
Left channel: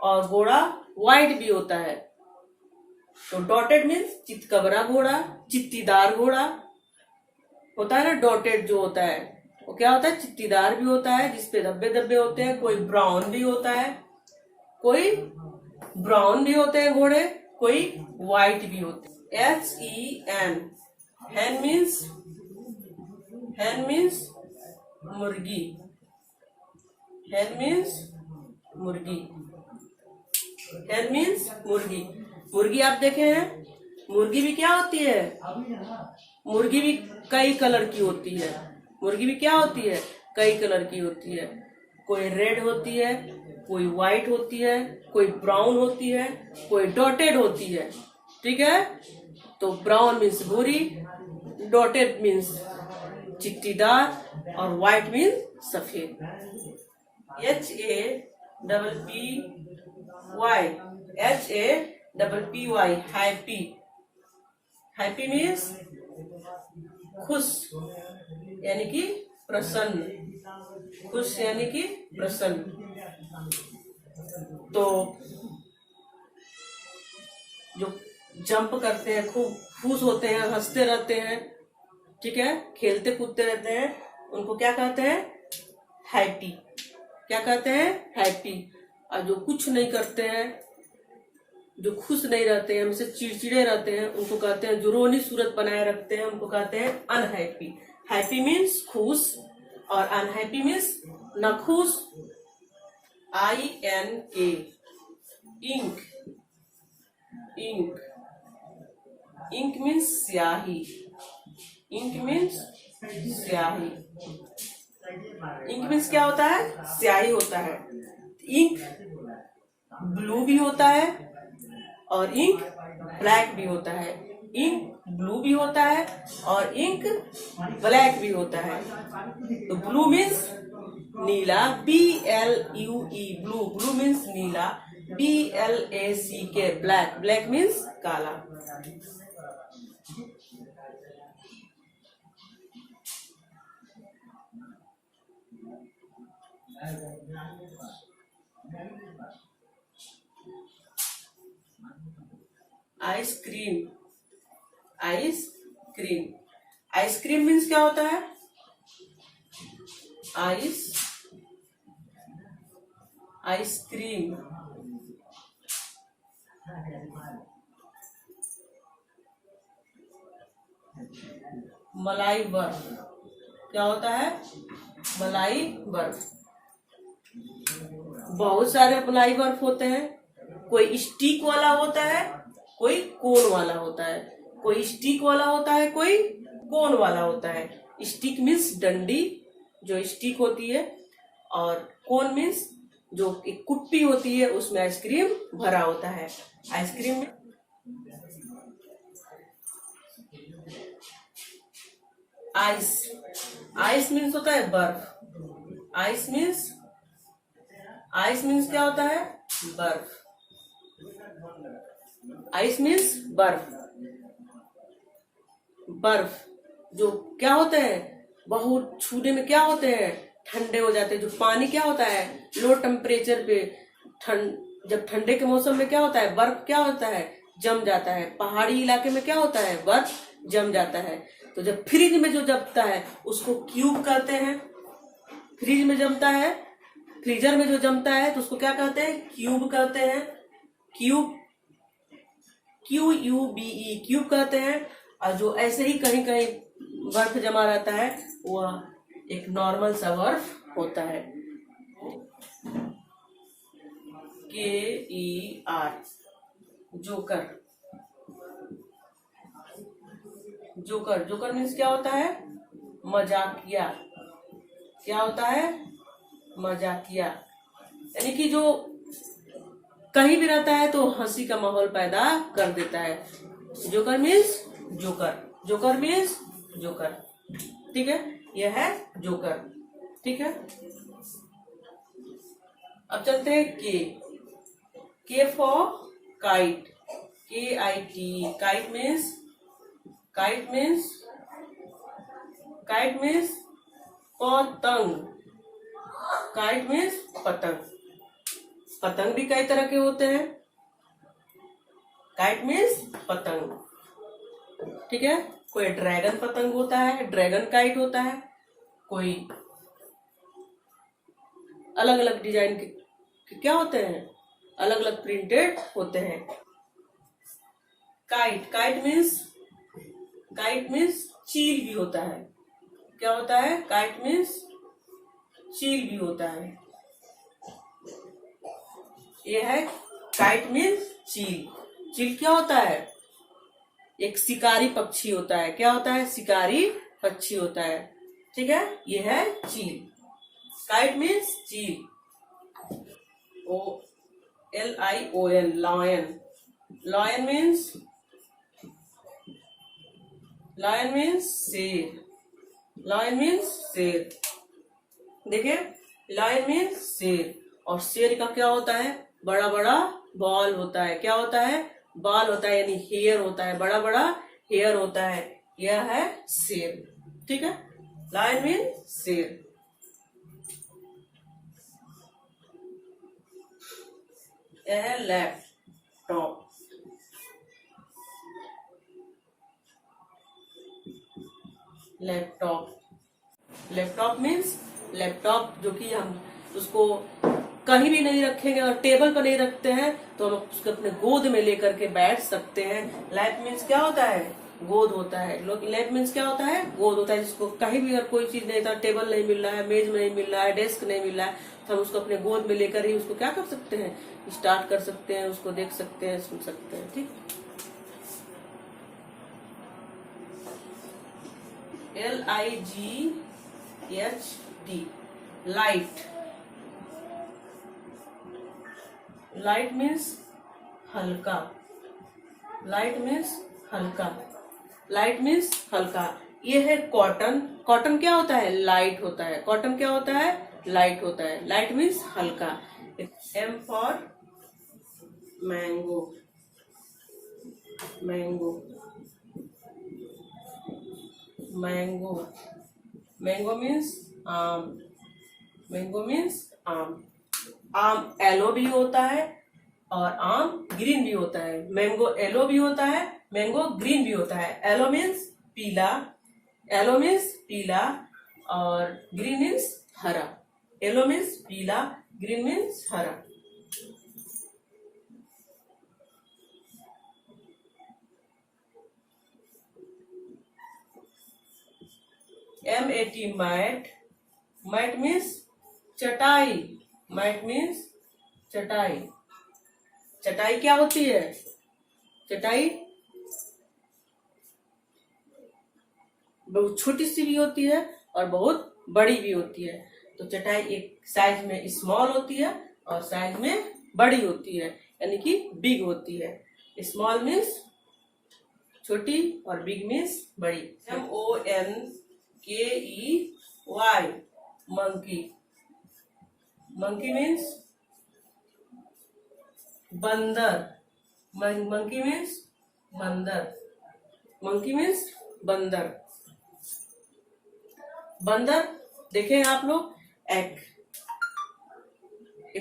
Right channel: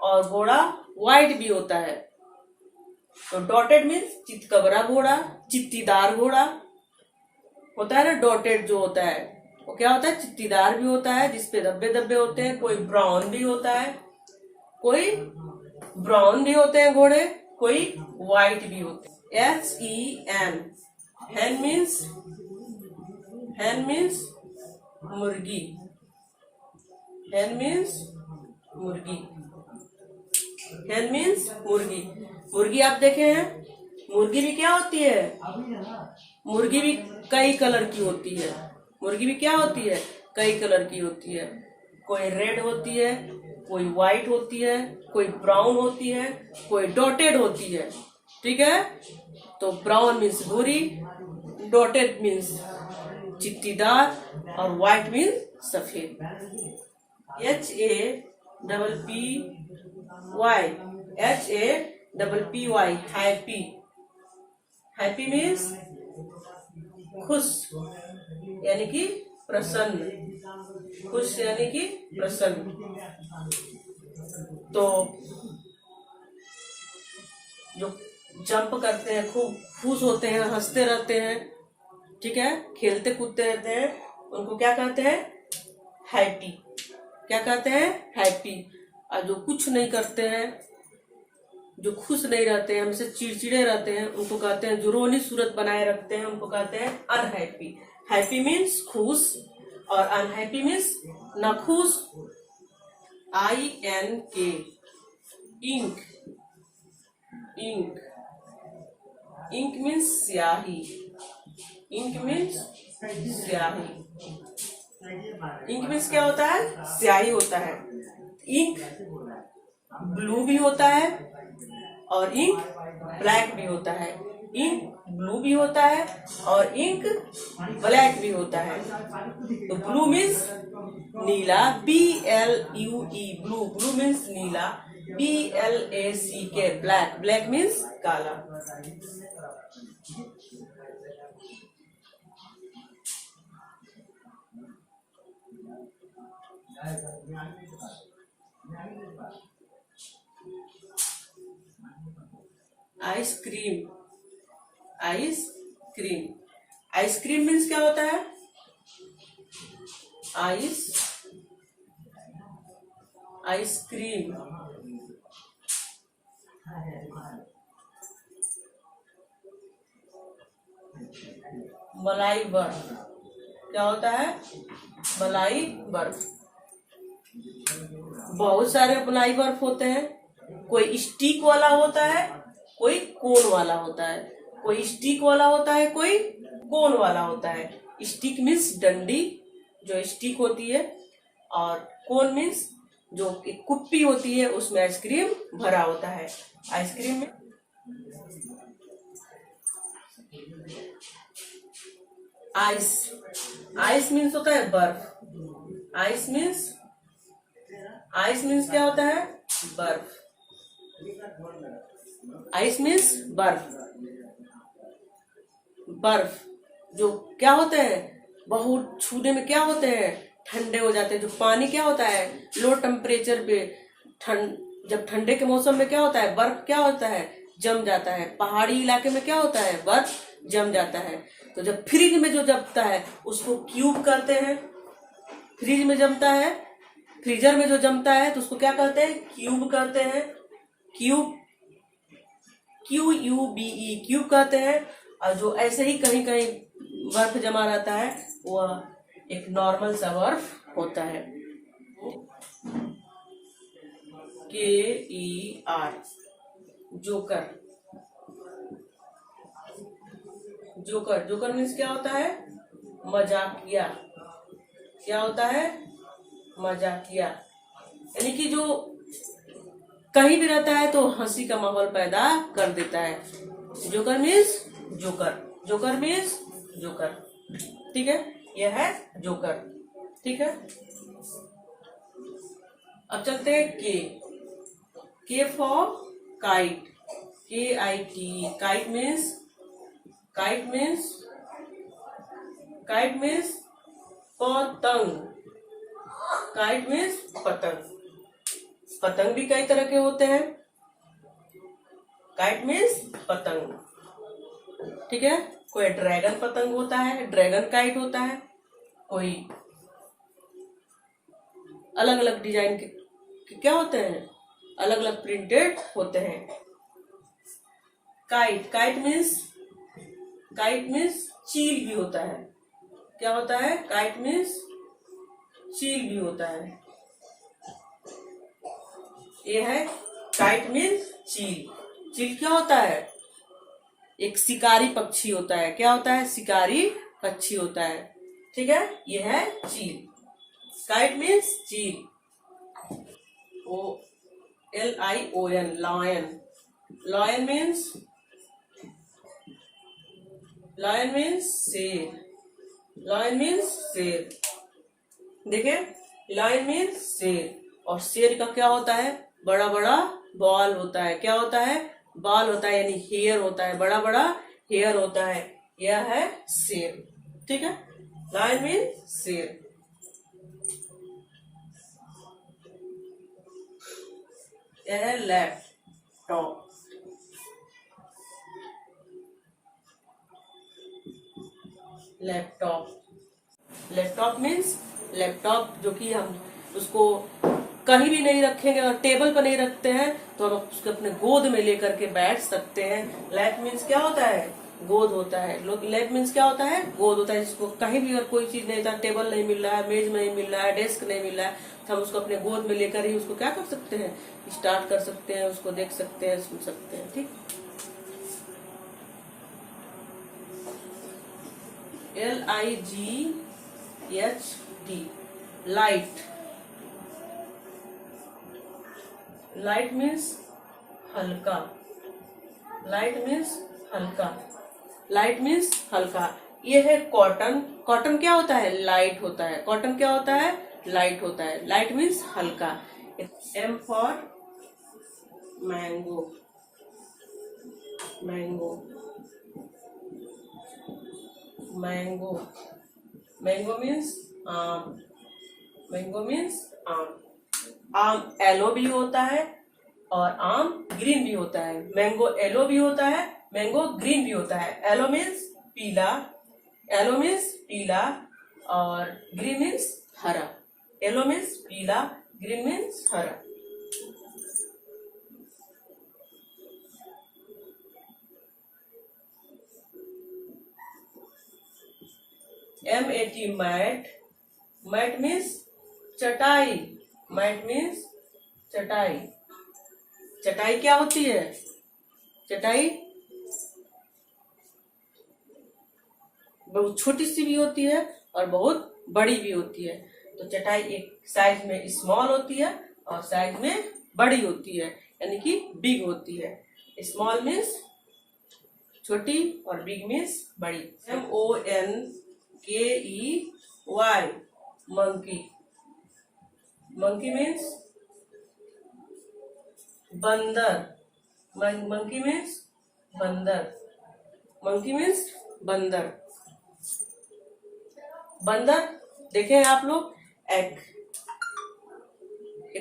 और घोड़ा व्हाइट भी होता है। तो डॉटेड मीन्स चितकबरा घोड़ा, चित्तीदार घोड़ा होता है ना। डॉटेड जो होता है वो क्या होता है? चित्तीदार भी होता है, जिसपे धब्बे धब्बे होते हैं। कोई ब्राउन भी होता है, कोई ब्राउन भी होते हैं घोड़े, कोई व्हाइट भी होते हैं। HEN hen मीन्स मुर्गी, hen मीन्स मुर्गी, hen मीन्स मुर्गी। मुर्गी आप देखे हैं, मुर्गी भी क्या होती है? मुर्गी भी कई कलर की होती है। मुर्गी भी क्या होती है? कई कलर की होती है। कोई रेड होती है, कोई व्हाइट होती है, कोई ब्राउन होती है, कोई डॉटेड होती है। ठीक है, तो ब्राउन मीन्स भूरी, डॉटेड मीन्स चिट्टीदार, और व्हाइट मीन्स सफेद। HAPPY हैप्पी, हैप्पी मीन्स खुश यानी कि प्रसन्न, खुश यानी कि प्रसन्न। तो जो जंप करते हैं, खूब खुश होते हैं, हंसते रहते हैं, ठीक है, खेलते कूदते रहते हैं, उनको क्या कहते हैं? हैप्पी। क्या कहते हैं? हैप्पी। और जो कुछ नहीं करते हैं, जो खुश नहीं रहते हैं, हमसे चिड़चिड़े रहते हैं, उनको कहते हैं, जो रोनी सूरत बनाए रखते हैं, उनको कहते हैं अनहैप्पी। हैप्पी मीन्स खुश और अनहैप्पी मीन्स न खुश। INK ink, ink, ink means स्याही, इंक मीन्स स्याही। इंक मीन्स क्या होता है? स्याही होता है। इंक ब्लू भी होता है और इंक ब्लैक भी होता है। इंक ब्लू भी होता है और इंक ब्लैक भी होता है। तो ब्लू मीन्स नीला, BLUE ब्लू, ब्लू मीन्स नीला, BLACK ब्लैक, ब्लैक मीन्स काला। आइसक्रीम, आइसक्रीम, आइसक्रीम मीन्स क्या होता है? आइसक्रीम, मलाई बर्फ। क्या होता है? मलाई बर्फ। बहुत सारे मलाई बर्फ होते हैं, कोई स्टिक वाला होता है, कोई कोन वाला होता है। कोई स्टिक वाला होता है, कोई कोन वाला होता है। स्टिक मीन्स डंडी जो स्टिक होती है, और कोन मीन्स जो एक कुप्पी होती है, उसमें आइसक्रीम भरा होता है। आइसक्रीम में आइस, आइस मीन्स होता है बर्फ। आइस मीन्स क्या होता है? बर्फ। आइस मीन्स बर्फ। बर्फ जो क्या होते हैं? बहुत छूने में क्या होते हैं? ठंडे हो जाते हैं। जो पानी क्या होता है? लो टेम्परेचर पे जब ठंडे के मौसम में क्या होता है? बर्फ क्या होता है? जम जाता है। पहाड़ी इलाके में क्या होता है? बर्फ जम जाता है। तो जब फ्रिज में जो जमता है उसको क्यूब कहते हैं। फ्रिज में जमता है, फ्रीजर में जो जमता है तो उसको क्या कहते हैं? क्यूब कहते हैं। क्यूब, QUBE, क्यूब कहते हैं। और जो ऐसे ही कहीं कहीं बर्फ जमा रहता है वह एक नॉर्मल सा बर्फ होता है। KER, joker. Joker, joker means क्या होता है? मजाकिया। क्या होता है? मजाकिया। यानी कि जो कहीं भी रहता है तो हंसी का माहौल पैदा कर देता है। Joker means joker, joker means joker. ठीक है, यह है जोकर। ठीक है, अब चलते हैं के for kite. KIT, kite means, kite means, kite means पतंग। काइट मीन्स पतंग। पतंग भी कई तरह के होते हैं। काइट मीन्स पतंग। ठीक है, कोई ड्रैगन पतंग होता है, ड्रैगन काइट होता है। कोई अलग अलग डिजाइन के क्या होते हैं? अलग अलग प्रिंटेड होते हैं। Kite, kite means, kite means चील भी होता है। क्या होता है? काइट मीन्स चील भी होता है। यह है काइट मीन्स चील। चील क्या होता है? एक शिकारी पक्षी होता है। क्या होता है? शिकारी पक्षी होता है। ठीक है, यह है चील। काइट मीन्स चील। LION, lion. Lion means, lion means शेर। लॉयन मीन्स शेर। देखिए, लॉयन मीन्स शेर। और शेर का क्या होता है? बड़ा बड़ा बाल होता है। क्या होता है? बाल होता है, यानी हेयर होता है, बड़ा बड़ा हेयर होता है। यह है शेर। ठीक है, लॉयन मीन्स शेर। यह है laptop. Laptop, laptop means, laptop जो कि हम उसको कहीं भी नहीं रखेंगे और टेबल पर नहीं रखते हैं तो हम उसको अपने गोद में लेकर के बैठ सकते हैं। लैप मीन्स क्या होता है? गोद होता है। लैप मीन्स क्या होता है? गोद होता है। जिसको कहीं भी अगर कोई चीज नहीं था, टेबल नहीं मिल रहा है, मेज नहीं मिल रहा है, डेस्क नहीं मिल रहा है, तो हम उसको अपने गोद में लेकर ही उसको क्या कर सकते हैं? स्टार्ट कर सकते हैं, उसको देख सकते हैं, सुन सकते हैं। ठीक, LIGHT, लाइट। लाइट मीन्स हल्का। लाइट मीन्स हल्का। लाइट मीन्स हल्का। ये है कॉटन। कॉटन क्या होता है? लाइट होता है। कॉटन क्या होता है? लाइट होता है। लाइट मीन्स हल्का। M for mango. Mango, mango. Mango means आम। मैंगो मीन्स आम। आम येलो भी होता है और आम ग्रीन भी होता है। मैंगो येलो भी होता है, मैंगो ग्रीन भी होता है। येलो मीन्स पीला, येलो मीन्स पीला और ग्रीन मीन्स हरा। येलो मीन्स पीला, ग्रीन मीन्स हरा। MAT, mat. मैट मीन्स चटाई। मैट मीन्स चटाई। चटाई क्या होती है? चटाई बहुत छोटी सी भी होती है और बहुत बड़ी भी होती है। तो चटाई एक साइज में स्मॉल होती है और साइज में बड़ी होती है, यानी कि बिग होती है। स्मॉल मीन्स छोटी और बिग मीन्स बड़ी। MONKEY, monkey. मंकी मीन्स बंदर। मंकी मीन्स बंदर। मंकी मीन्स बंदर। बंदर देखे आप लोग, एक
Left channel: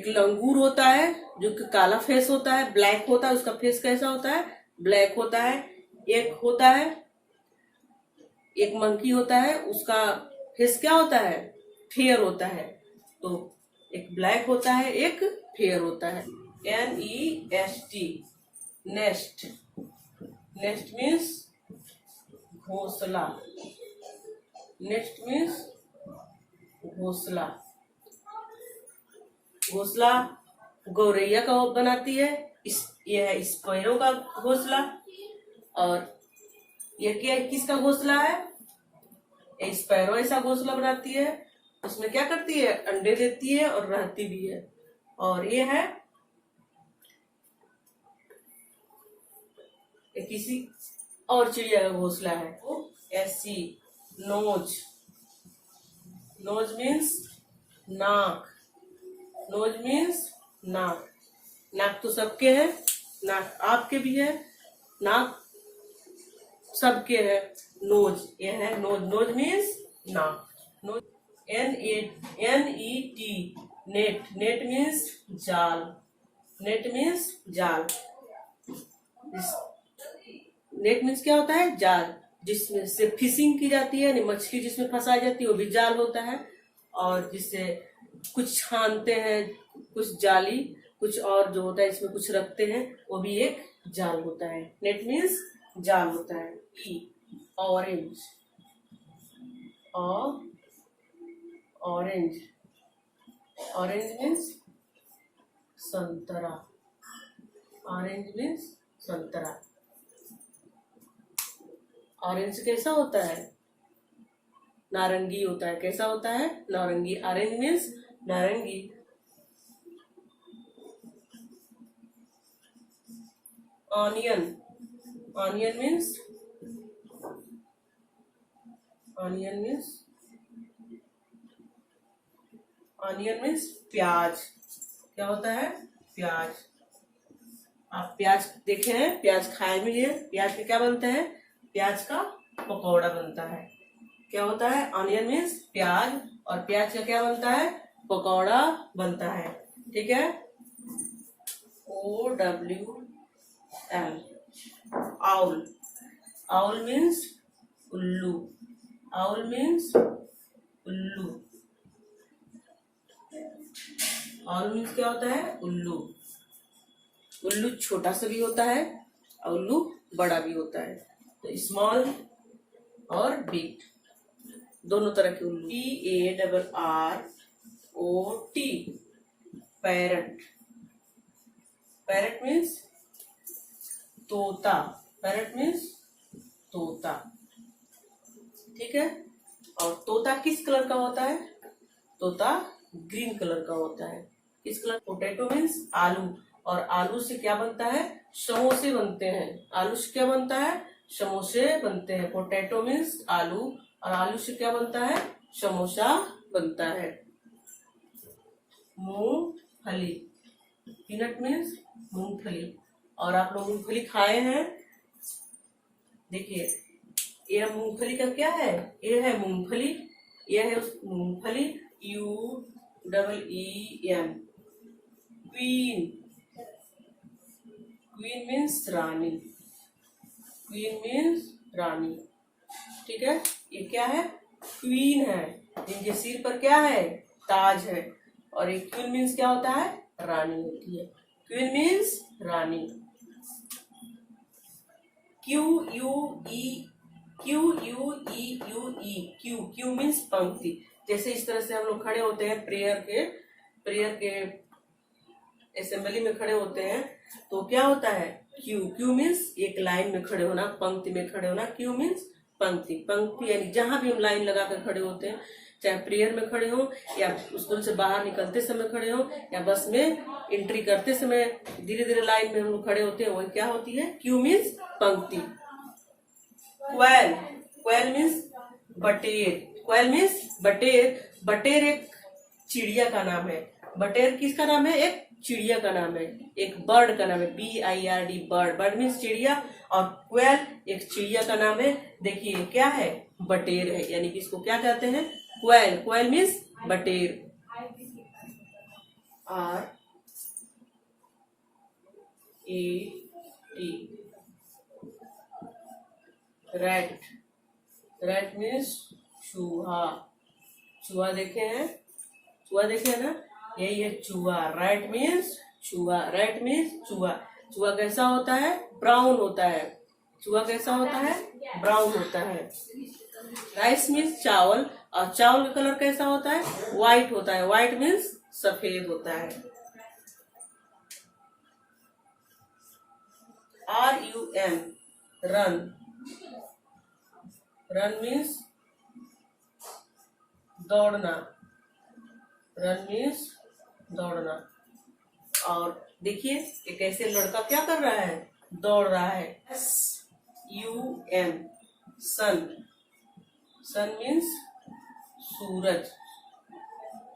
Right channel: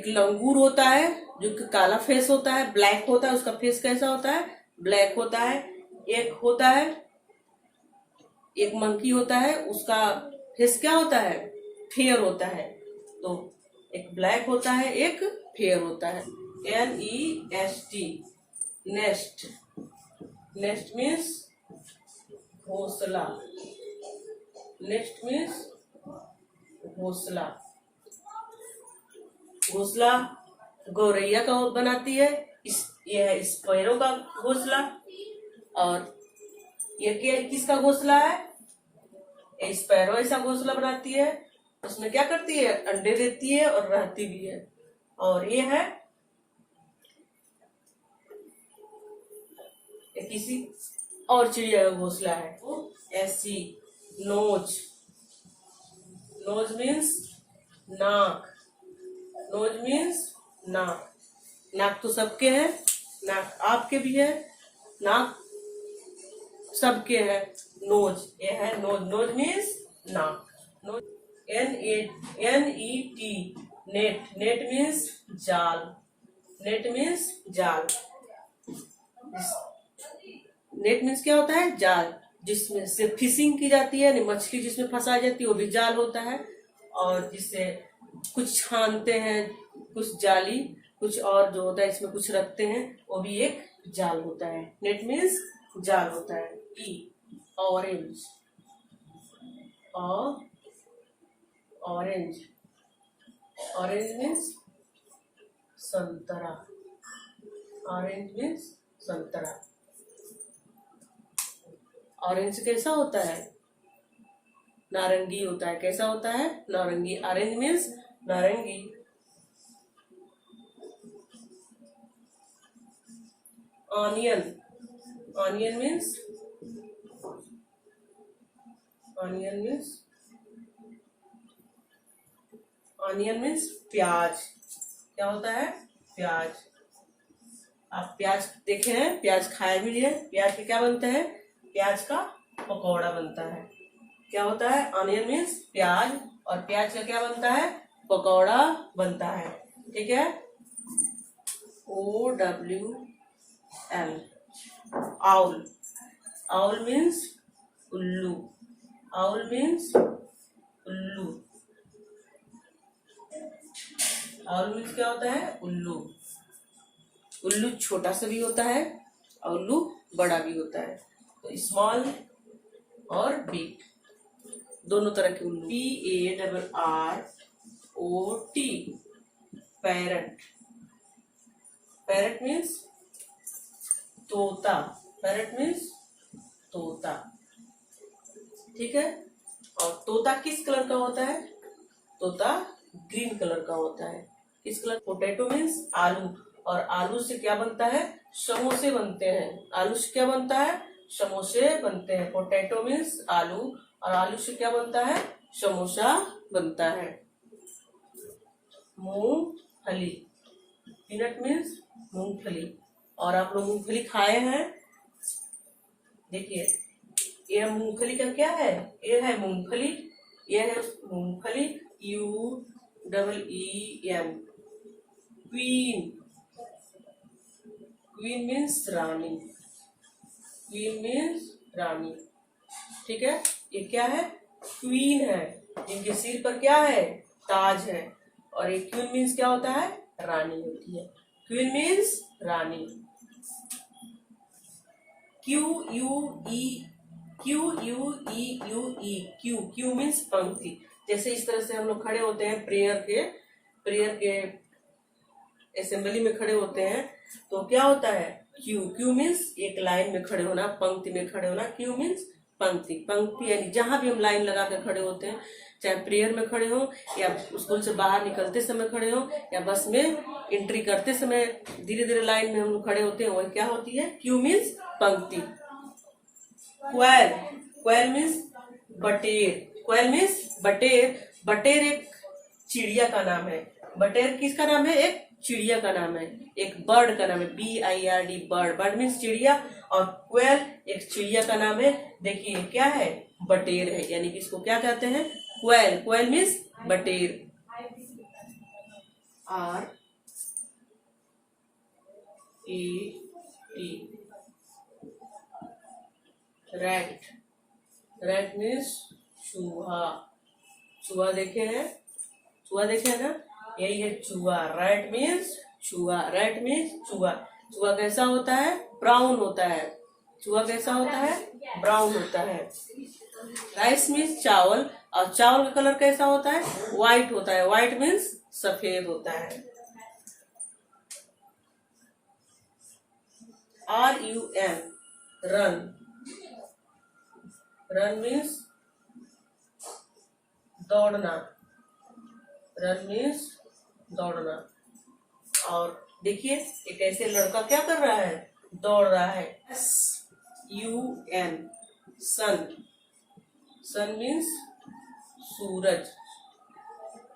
लंगूर होता है जो कि काला फेस होता है, ब्लैक होता है। उसका फेस कैसा होता है? ब्लैक होता है। एक होता है एक मंकी होता है, उसका फेस क्या होता है, फेयर होता है। तो एक ब्लैक होता है, एक फेयर होता है। NEST, nest. नेस्ट मीन्स घोंसला। नेस्ट मीन्स घोंसला। घोंसला गौरैया का बनाती है, यह है स्पैरो का घोंसला। और यह क्या, किसका घोंसला है, स्पैरो ऐसा घोंसला बनाती है। उसमें क्या करती है, अंडे देती है और रहती भी है। और ये है किसी और चिड़िया का घोंसला है। वो ऐसी नोज। नोज मीन्स नाक। नोज मीन्स नाक। नाक तो सबके है, नाक आपके भी है, नाक सबके है। नोज, ये है नोज। नोज मीन्स नाक। Nose. NET, net. Net means जाल। नेट मीन्स जाल। नेट मीन्स क्या होता है, जाल, जिसमें से फिशिंग की जाती है, मछली जिसमें फंसा जाती है वो भी जाल होता है। और जिससे कुछ छानते हैं, कुछ जाली, कुछ और जो होता है इसमें कुछ रखते हैं, वो भी एक जाल होता है। नेट मीन्स जाल होता है। ऑरेंज। और ऑरेंज। ऑरेंज मीन्स संतरा। ऑरेंज मीन्स संतरा। ऑरेंज कैसा होता है, नारंगी होता है। कैसा होता है, नारंगी। ऑरेंज मीन्स नारंगी। Onion. Onion means onion means onion means प्याज। क्या होता है, प्याज। आप प्याज देखे हैं, प्याज खाए भी है। प्याज के क्या बनता है, प्याज का पकौड़ा बनता है। क्या होता है, ऑनियन मीन्स प्याज, और प्याज का क्या बनता है, पकौड़ा बनता है। ठीक है। OWL, owl. आउल मीन्स उल्लू। आउल मीन्स उल्लू। आउल मीन्स क्या होता है, उल्लू। उल्लू छोटा सा भी होता है और उल्लू बड़ा भी होता है। तो स्मॉल और बिग दोनों तरह के उल्लू। PARROT, parrot. पैरट मीन्स तोता। पैरट मीन्स तोता। ठीक है। और तोता किस कलर का होता है, तोता ग्रीन कलर का होता है। किस कलर, पोटैटो मीन्स आलू। और आलू से क्या बनता है, समोसे बनते हैं। आलू से क्या बनता है, समोसे बनते हैं। पोटैटो मीन्स आलू, और आलू से क्या बनता है, समोसा बनता है। मूंगफली। पीनट मीन्स मूंगफली। और आप लोग मूंगफली खाए हैं, देखिए यह मूंगफली का क्या है, ये है मूंगफली, यह है मूंगफली। UEEN, queen. क्वीन मीन्स रानी। क्वीन मीन्स रानी। ठीक है। ये क्या है, क्वीन है, जिनके सिर पर क्या है, ताज है। और ये क्वीन मीन्स क्या होता है, रानी होती है। क्वीन मीन्स रानी। QUEE, क्यू मीन्स पंक्ति। जैसे इस तरह से हम लोग खड़े होते हैं प्रेयर के असेंबली में खड़े होते हैं, तो क्या होता है, क्यू मीन्स एक लाइन में खड़े होना, पंक्ति में खड़े होना। क्यू मीन्स पंक्ति। पंक्ति यानी जहां भी हम लाइन लगा कर खड़े होते हैं, चाहे प्रेयर में खड़े हो, या स्कूल से बाहर निकलते समय खड़े हो, या बस में एंट्री करते समय धीरे धीरे लाइन में हम लोग खड़े होते हैं, वही क्या होती है, क्यू मीन्स पंक्ति। क्वैल। क्वैल मीन्स बटेर। क्वैल मीन्स बटेर। बटेर एक चिड़िया का नाम है। बटेर किसका नाम है, एक चिड़िया का नाम है, एक बर्ड का नाम है। BIRD, bird. बर्ड मीन्स चिड़िया, और क्वैल एक चिड़िया का नाम है। देखिए क्या है, बटेर है, यानी कि इसको क्या कहते हैं, क्वैल। क्वैल मीन्स बटेर। RAT, rat. रैट मीन्स चूहा। चूहा देखे हैं, चूहा देखे हैं ना, यही है चूहा। रैट मीन्स चूहा, रैट मीन्स चूहा। चूहा कैसा होता है? ब्राउन होता है। चूहा कैसा होता है? ब्राउन होता है। राइस मीन्स चावल, और चावल का कलर कैसा होता है? व्हाइट होता है। व्हाइट मीन्स सफेद होता है। RUN रन, रन मीन्स दौड़ना, रन मीन्स दौड़ना। और देखिए एक ऐसे लड़का क्या कर रहा है? दौड़ रहा है। SUN सन, सन मीन्स सूरज,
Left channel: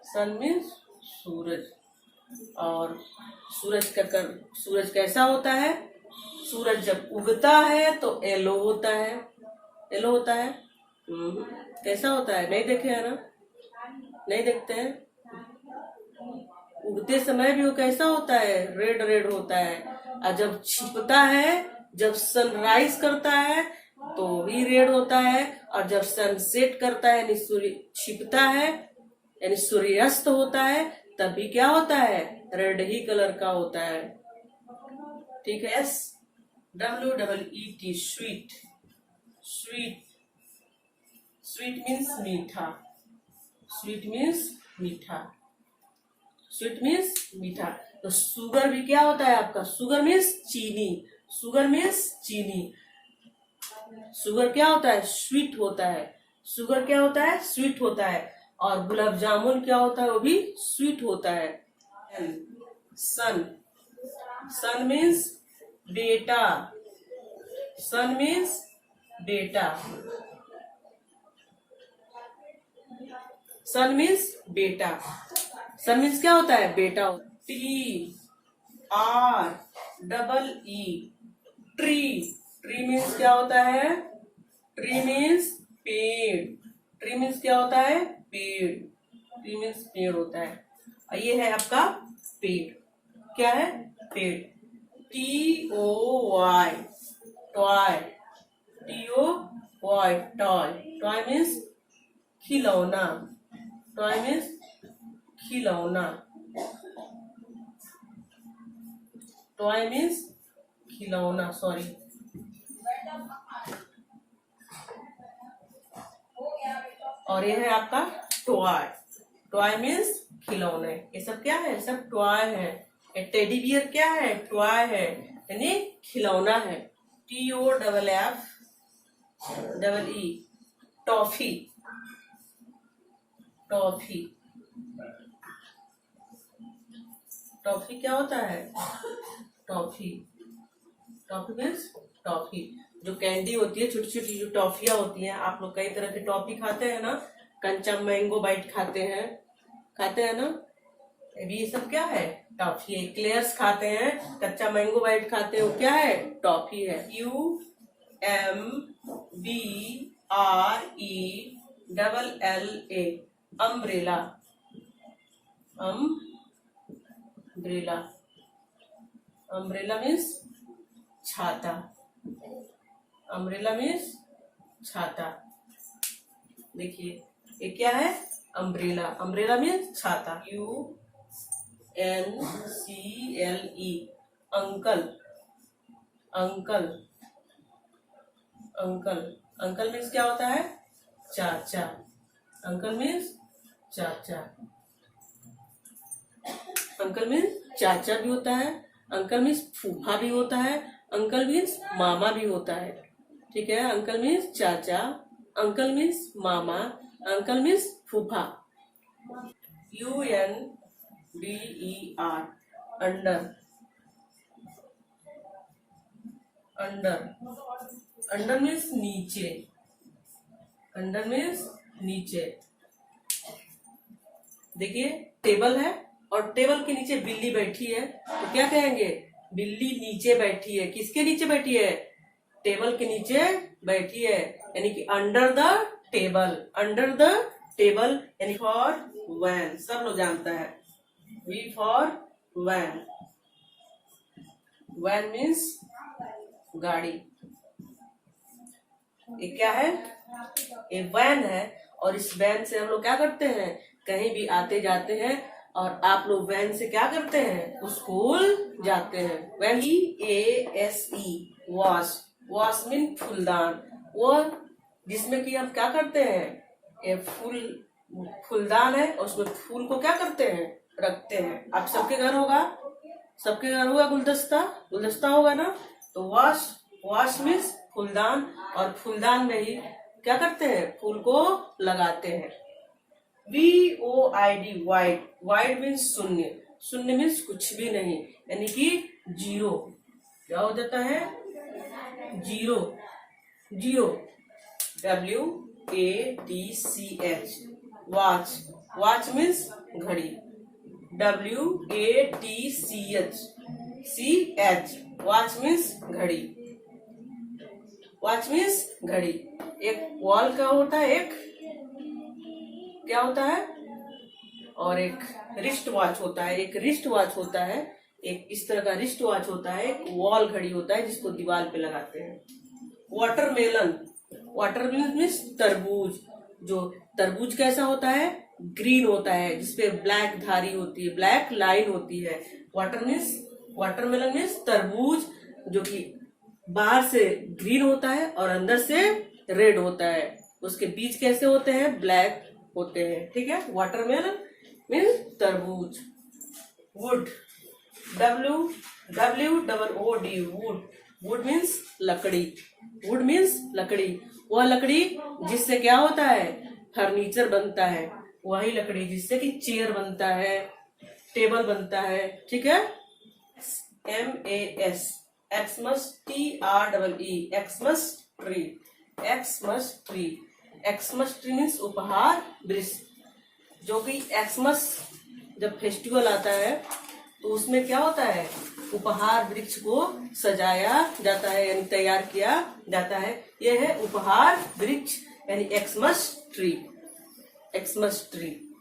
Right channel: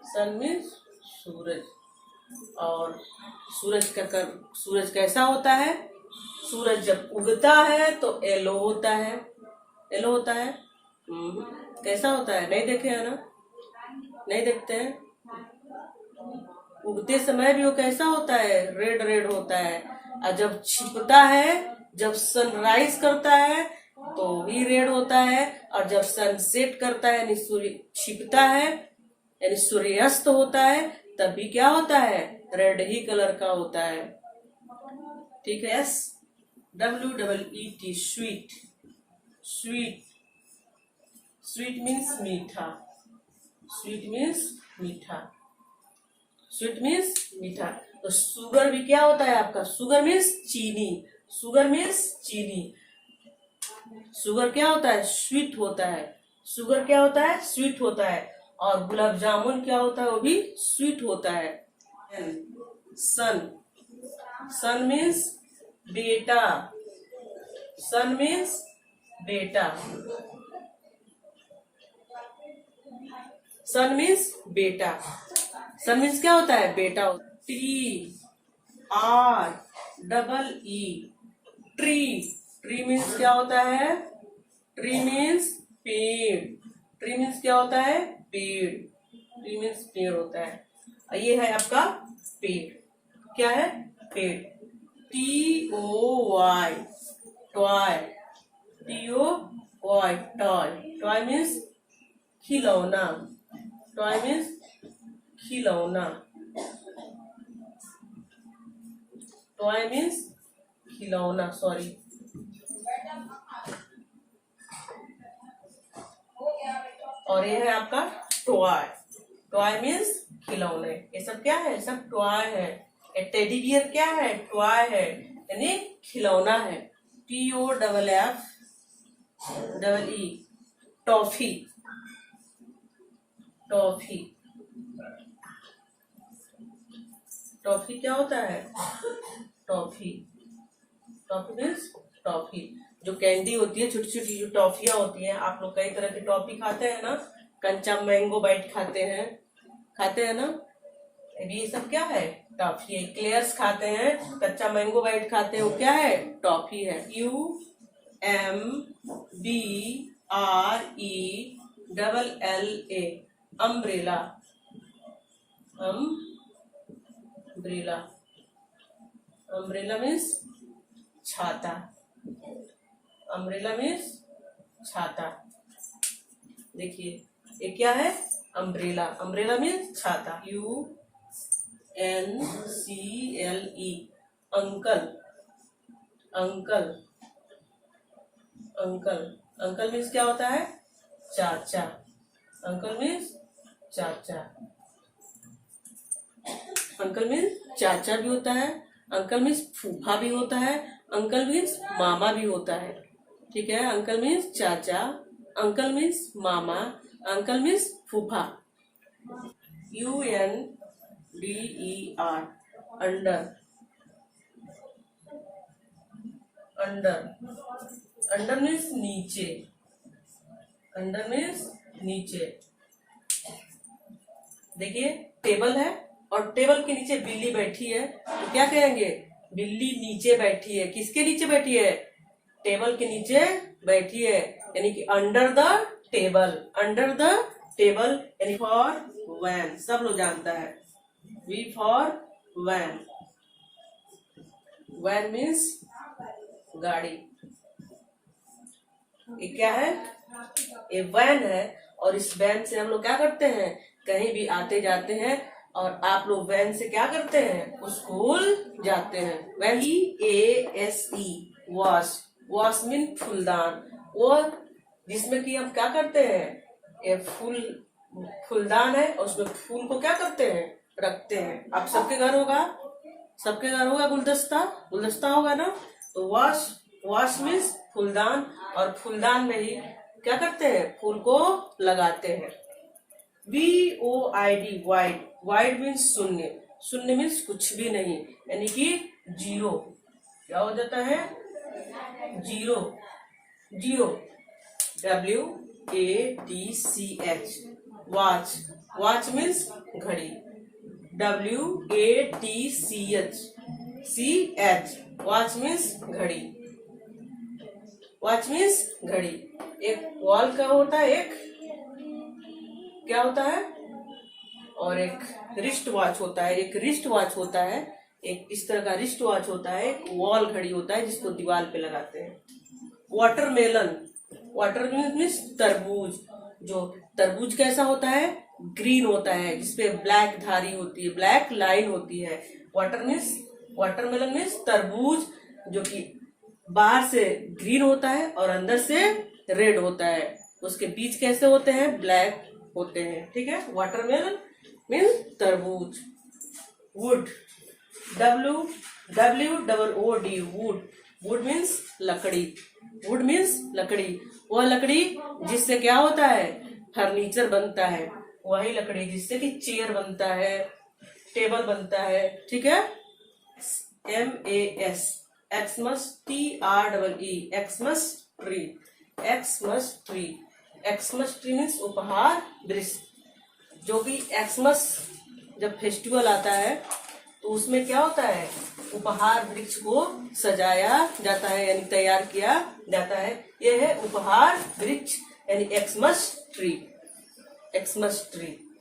सन मीन्स सूरज। और सूरज कैसा होता है? सूरज जब उगता है तो येलो होता है। येलो होता है। कैसा होता है? नहीं देखे है ना, नहीं देखते हैं। उगते समय भी वो कैसा होता है? रेड रेड होता है। और जब छिपता है, जब सनराइज करता है तो भी रेड होता है। और जब सनसेट करता है यानी सूर्य छिपता है यानी सूर्यास्त होता है, तब भी क्या होता है? रेड ही कलर का होता है। ठीक है। SWEET sweet, sweet, sweet means मीठा, स्वीट मीन्स मीठा, स्वीट मीन्स मीठा। तो शुगर भी क्या होता है आपका? शुगर मीन्स चीनी, शुगर मीन्स चीनी। शुगर क्या होता है? स्वीट होता है। शुगर क्या होता है? स्वीट होता है। और गुलाब जामुन क्या होता है? वो भी स्वीट होता है। सन, सन मीन्स बेटा, सन मीन्स बेटा, सन मीन्स बेटा। सन मीन्स क्या होता है? बेटा। TREE ट्री, ट्री मीन्स क्या होता है? ट्री मीन्स पेड़, ट्री मीन्स क्या होता है? पेड़, ट्री मीन्स पेड़ होता है। और ये है आपका पेड़। क्या है? पेड़। TOY toy, TOY toy, toy means खिलौना, टॉय मीन्स खिलौना, टॉय मीन्स खिलौना, सॉरी। और ये है आपका टॉय, टॉय मीन्स खिलौने। ये सब क्या है? सब टॉय है। टेडी बियर क्या है? टॉय है, यानी खिलौना है। TOFFE टॉफी, टॉफी, टॉफी क्या होता है? Toffee, toffee means toffee. जो कैंडी होती है, छोटी छोटी जो टॉफियां होती हैं, आप लोग कई तरह की टॉफी खाते हैं ना, कंचा मैंगो बाइट खाते हैं ना, ये सब क्या है? टॉफी है। क्लेयर्स खाते हैं, कच्चा मैंगो बाइट खाते हैं, वो क्या है? टॉफी है। UMBRELLA umbrella, umbrella, umbrella means छाता, अम्ब्रेला मीन्स छाता। देखिए ये क्या है? अम्ब्रेला, अम्ब्रेला मीन्स छाता। UNCLE uncle, uncle, uncle, uncle means क्या होता है? चाचा, अंकल मीन्स चाचा, अंकल मीन्स चाचा भी होता है, अंकल मीन्स फूफा भी होता है, अंकल मीन्स मामा भी होता है। ठीक है। अंकल मीन्स चाचा, अंकल मीन्स मामा, अंकल मीन्स फूफा। UNDER under, under, under means नीचे, अंडर मीन्स नीचे। देखिए टेबल है और टेबल के नीचे बिल्ली बैठी है, तो क्या कहेंगे? बिल्ली नीचे बैठी है। किसके नीचे बैठी है? टेबल के नीचे बैठी है, यानी कि under the table, under the table. यानी फॉर वैन, सब लोग जानता है। V for van, van means गाड़ी। ये क्या है? ये वैन है। और इस वैन से हम लोग क्या करते हैं? कहीं भी आते जाते हैं। और आप लोग वैन से क्या करते हैं? स्कूल जाते हैं। V EASE vase, vase mean फूलदान। वो जिसमें कि हम क्या करते हैं? ये फूलदान है और उसमें फूल को क्या करते हैं? रखते हैं। आप सबके घर होगा, सबके घर होगा गुलदस्ता, गुलदस्ता होगा ना। तो वॉश, वॉश मीन्स फूलदान। और फूलदान में ही क्या करते हैं? फूल को लगाते हैं। VOID वाइड, वाइड मीन्स शून्य, शून्य मीन्स कुछ भी नहीं, यानी कि जीरो। क्या हो जाता है? Zero, zero. WATCH watch, watch means घड़ी। WATCH वॉच मीन्स घड़ी, वॉच मीन्स घड़ी। एक वॉल का होता है, एक क्या होता है? और एक रिस्ट वॉच होता है। एक रिस्ट वॉच होता है, एक इस तरह का रिस्ट वॉच होता है। एक वॉल घड़ी होता है जिसको दीवार पे लगाते हैं। वाटरमेलन, वाटरमेलन मीन्स तरबूज। जो तरबूज कैसा होता है? ग्रीन होता है, जिसपे ब्लैक धारी होती है, ब्लैक लाइन होती है। वाटरमेलन मीन्स तरबूज, जो कि बाहर से ग्रीन होता है और अंदर से रेड होता है। उसके बीज कैसे होते हैं? ब्लैक होते हैं। ठीक है। वाटरमेलन मीन्स तरबूज। Would, WWOOD would, would means लकड़ी, वुड मीन्स लकड़ी। वह लकड़ी जिससे क्या होता है? फर्नीचर बनता है। वही लकड़ी जिससे कि चेयर बनता है, टेबल बनता है। ठीक है। MAS, Xmas, TREE, Xmas tree, Xmas tree. Xmas tree means उपहार वृक्ष। जो कि एक्समस जब फेस्टिवल आता है तो उसमें क्या होता है? उपहार वृक्ष को सजाया जाता है, यानी तैयार किया जाता है। यह है उपहार वृक्ष, यानी Xmas tree, Xmas tree.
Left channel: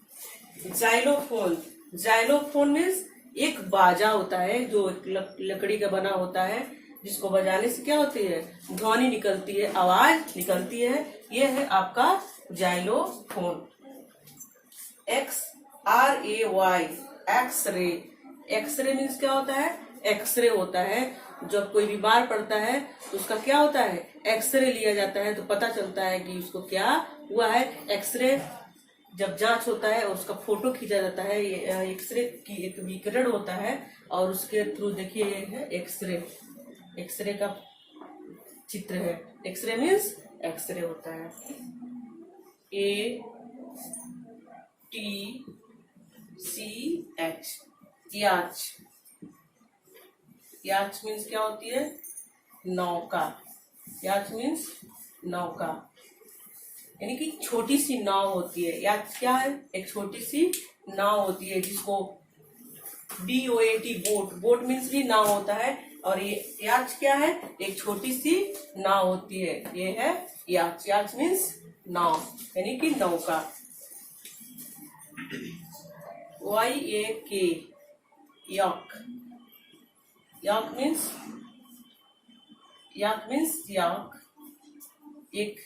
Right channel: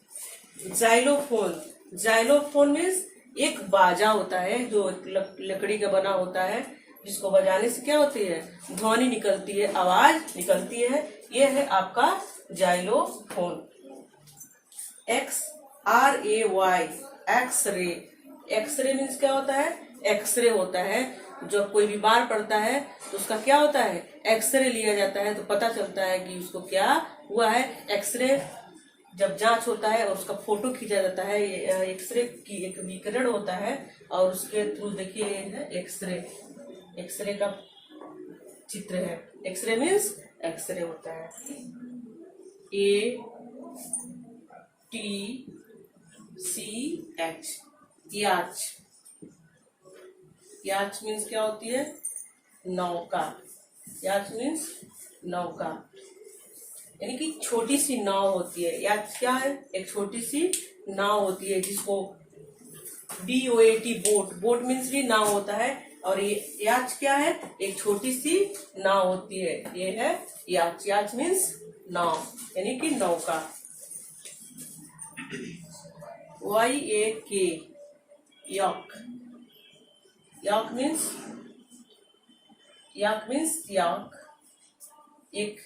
Xylophone, xylophone means एक बाजा होता है जो लकड़ी का बना होता है, जिसको बजाने से क्या होती है? ध्वनि निकलती है, आवाज निकलती है। यह है आपका xylophone. XRAY X ray, X ray means क्या होता है? एक्सरे होता है। जब कोई बीमार पड़ता है तो उसका क्या होता है? एक्सरे लिया जाता है, तो पता चलता है कि उसको क्या हुआ है। एक्सरे जब जांच होता है और उसका फोटो खींचा जाता है, ये एक्सरे की एक विकिरण होता है और उसके थ्रू देखिए ये है एक्सरे, एक्सरे का चित्र है। एक्सरे मीन्स एक्सरे होता है। ATCH याच, याच मीन्स क्या होती है? नौका। याच मीन्स नौका, यानी कि छोटी सी नाव होती है। याच क्या है? एक छोटी सी नाव होती है, जिसको BOAT बोट, बोट मीन्स भी नाव होता है। और ये याच क्या है? एक छोटी सी नाव होती है, ये है याच। याच मीन्स नाव, यानी कि नौका। YAK याक, याक मीन्स, याक मीन्स याक। एक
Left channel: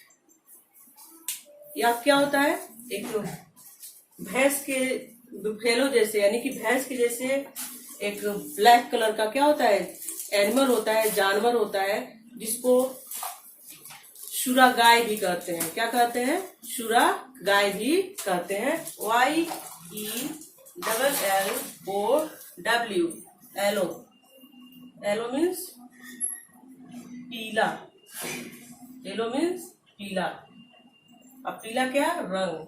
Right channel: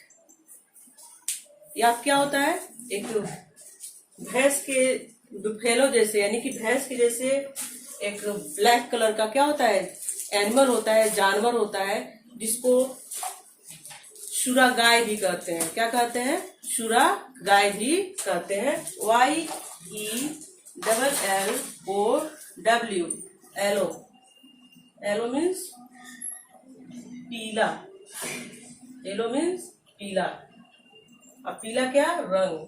याक क्या होता है? एक भैंस के बुफेलो जैसे, यानी कि भैंस के जैसे एक ब्लैक कलर का क्या होता है? एनिमल होता है, जानवर होता है, जिसको शुरा गाय भी कहते हैं। क्या कहते हैं? शुरा गाय भी कहते हैं। YELLOW, एलो, एलो मीन्स पीला, येलो मीन्स पीला। अब पीला क्या? रंग,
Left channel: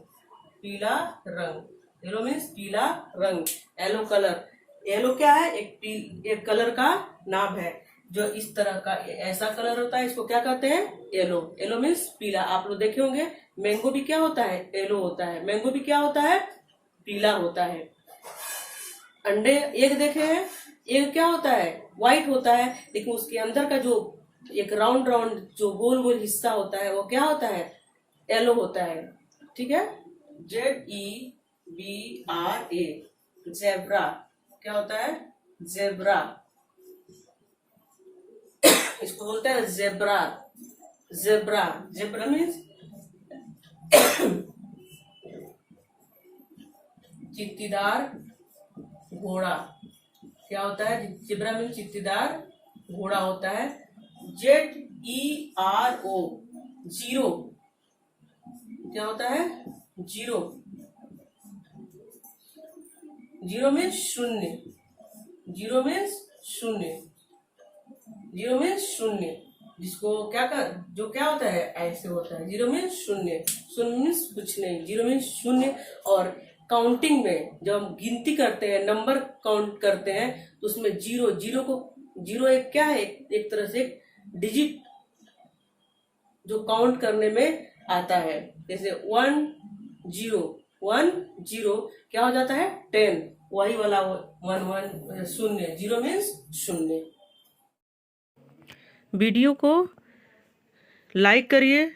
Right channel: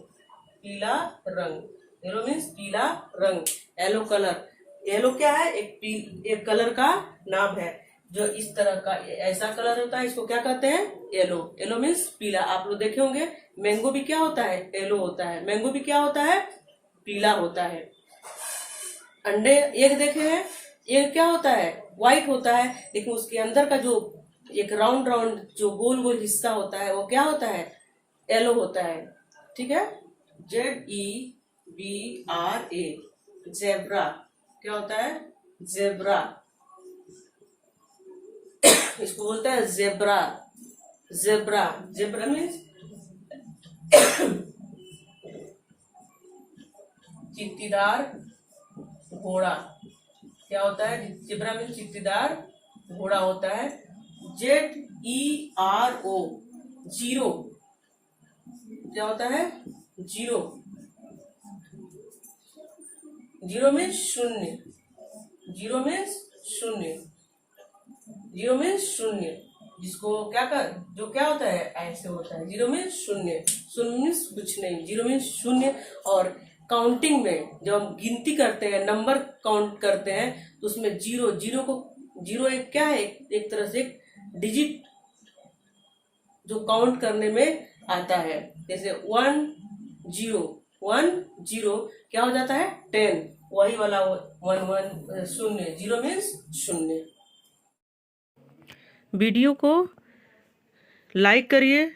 पीला रंग। येलो मीन्स पीला रंग, येलो कलर। येलो क्या है? एक कलर का नाम है, जो इस तरह का ऐसा कलर होता है, इसको क्या कहते हैं? येलो। येलो मीन्स पीला। आप लोग देखे होंगे मैंगो भी क्या होता है? येलो होता है। मैंगो भी क्या होता है? पीला होता है। अंडे एग देखे हैं? एग क्या होता है? व्हाइट होता है, लेकिन उसके अंदर का जो एक राउंड राउंड जो गोल गोल हिस्सा होता है, वो क्या होता है? येलो होता है। ठीक है। ZEBRA, zebra. क्या होता है? जेब्रा। इसको बोलता है जेब्रा, जेब्रा, जेब्रा मीन्स चित्तीदार घोड़ा। क्या होता है? जेब्रा मीन्स चित्तीदार घोड़ा होता है। ZERO, zero. क्या होता है? जीरो। जीरो मीन्स शून्य। जीरो मीन्स शून्य। जीरो मीन्स शून्य, जिसको जो क्या होता है? ऐसे होता है। जीरो मीन्स शून्य। शून्य मीन्स कुछ नहीं। जीरो मीन्स शून्य। और काउंटिंग में जब हम गिनती करते हैं, नंबर काउंट करते हैं, तो उसमें जीरो एक क्या है? एक तरह से डिजिट जो काउंट करने में आता है। जैसे 1 0 क्या हो जाता है? 10। वही वाला 1 शून्य। जीरो मीन्स शून्य। वीडियो को लाइक करिए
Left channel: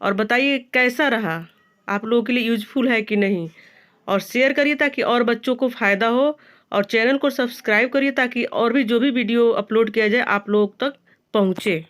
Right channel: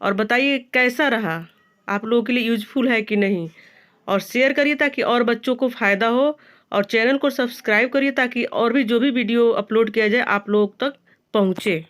और बताइए कैसा रहा, आप लोगों के लिए यूजफुल है कि नहीं, और शेयर करिए ताकि और बच्चों को फ़ायदा हो, और चैनल को सब्सक्राइब करिए ताकि और भी जो भी वीडियो अपलोड किया जाए आप लोग तक पहुँचे।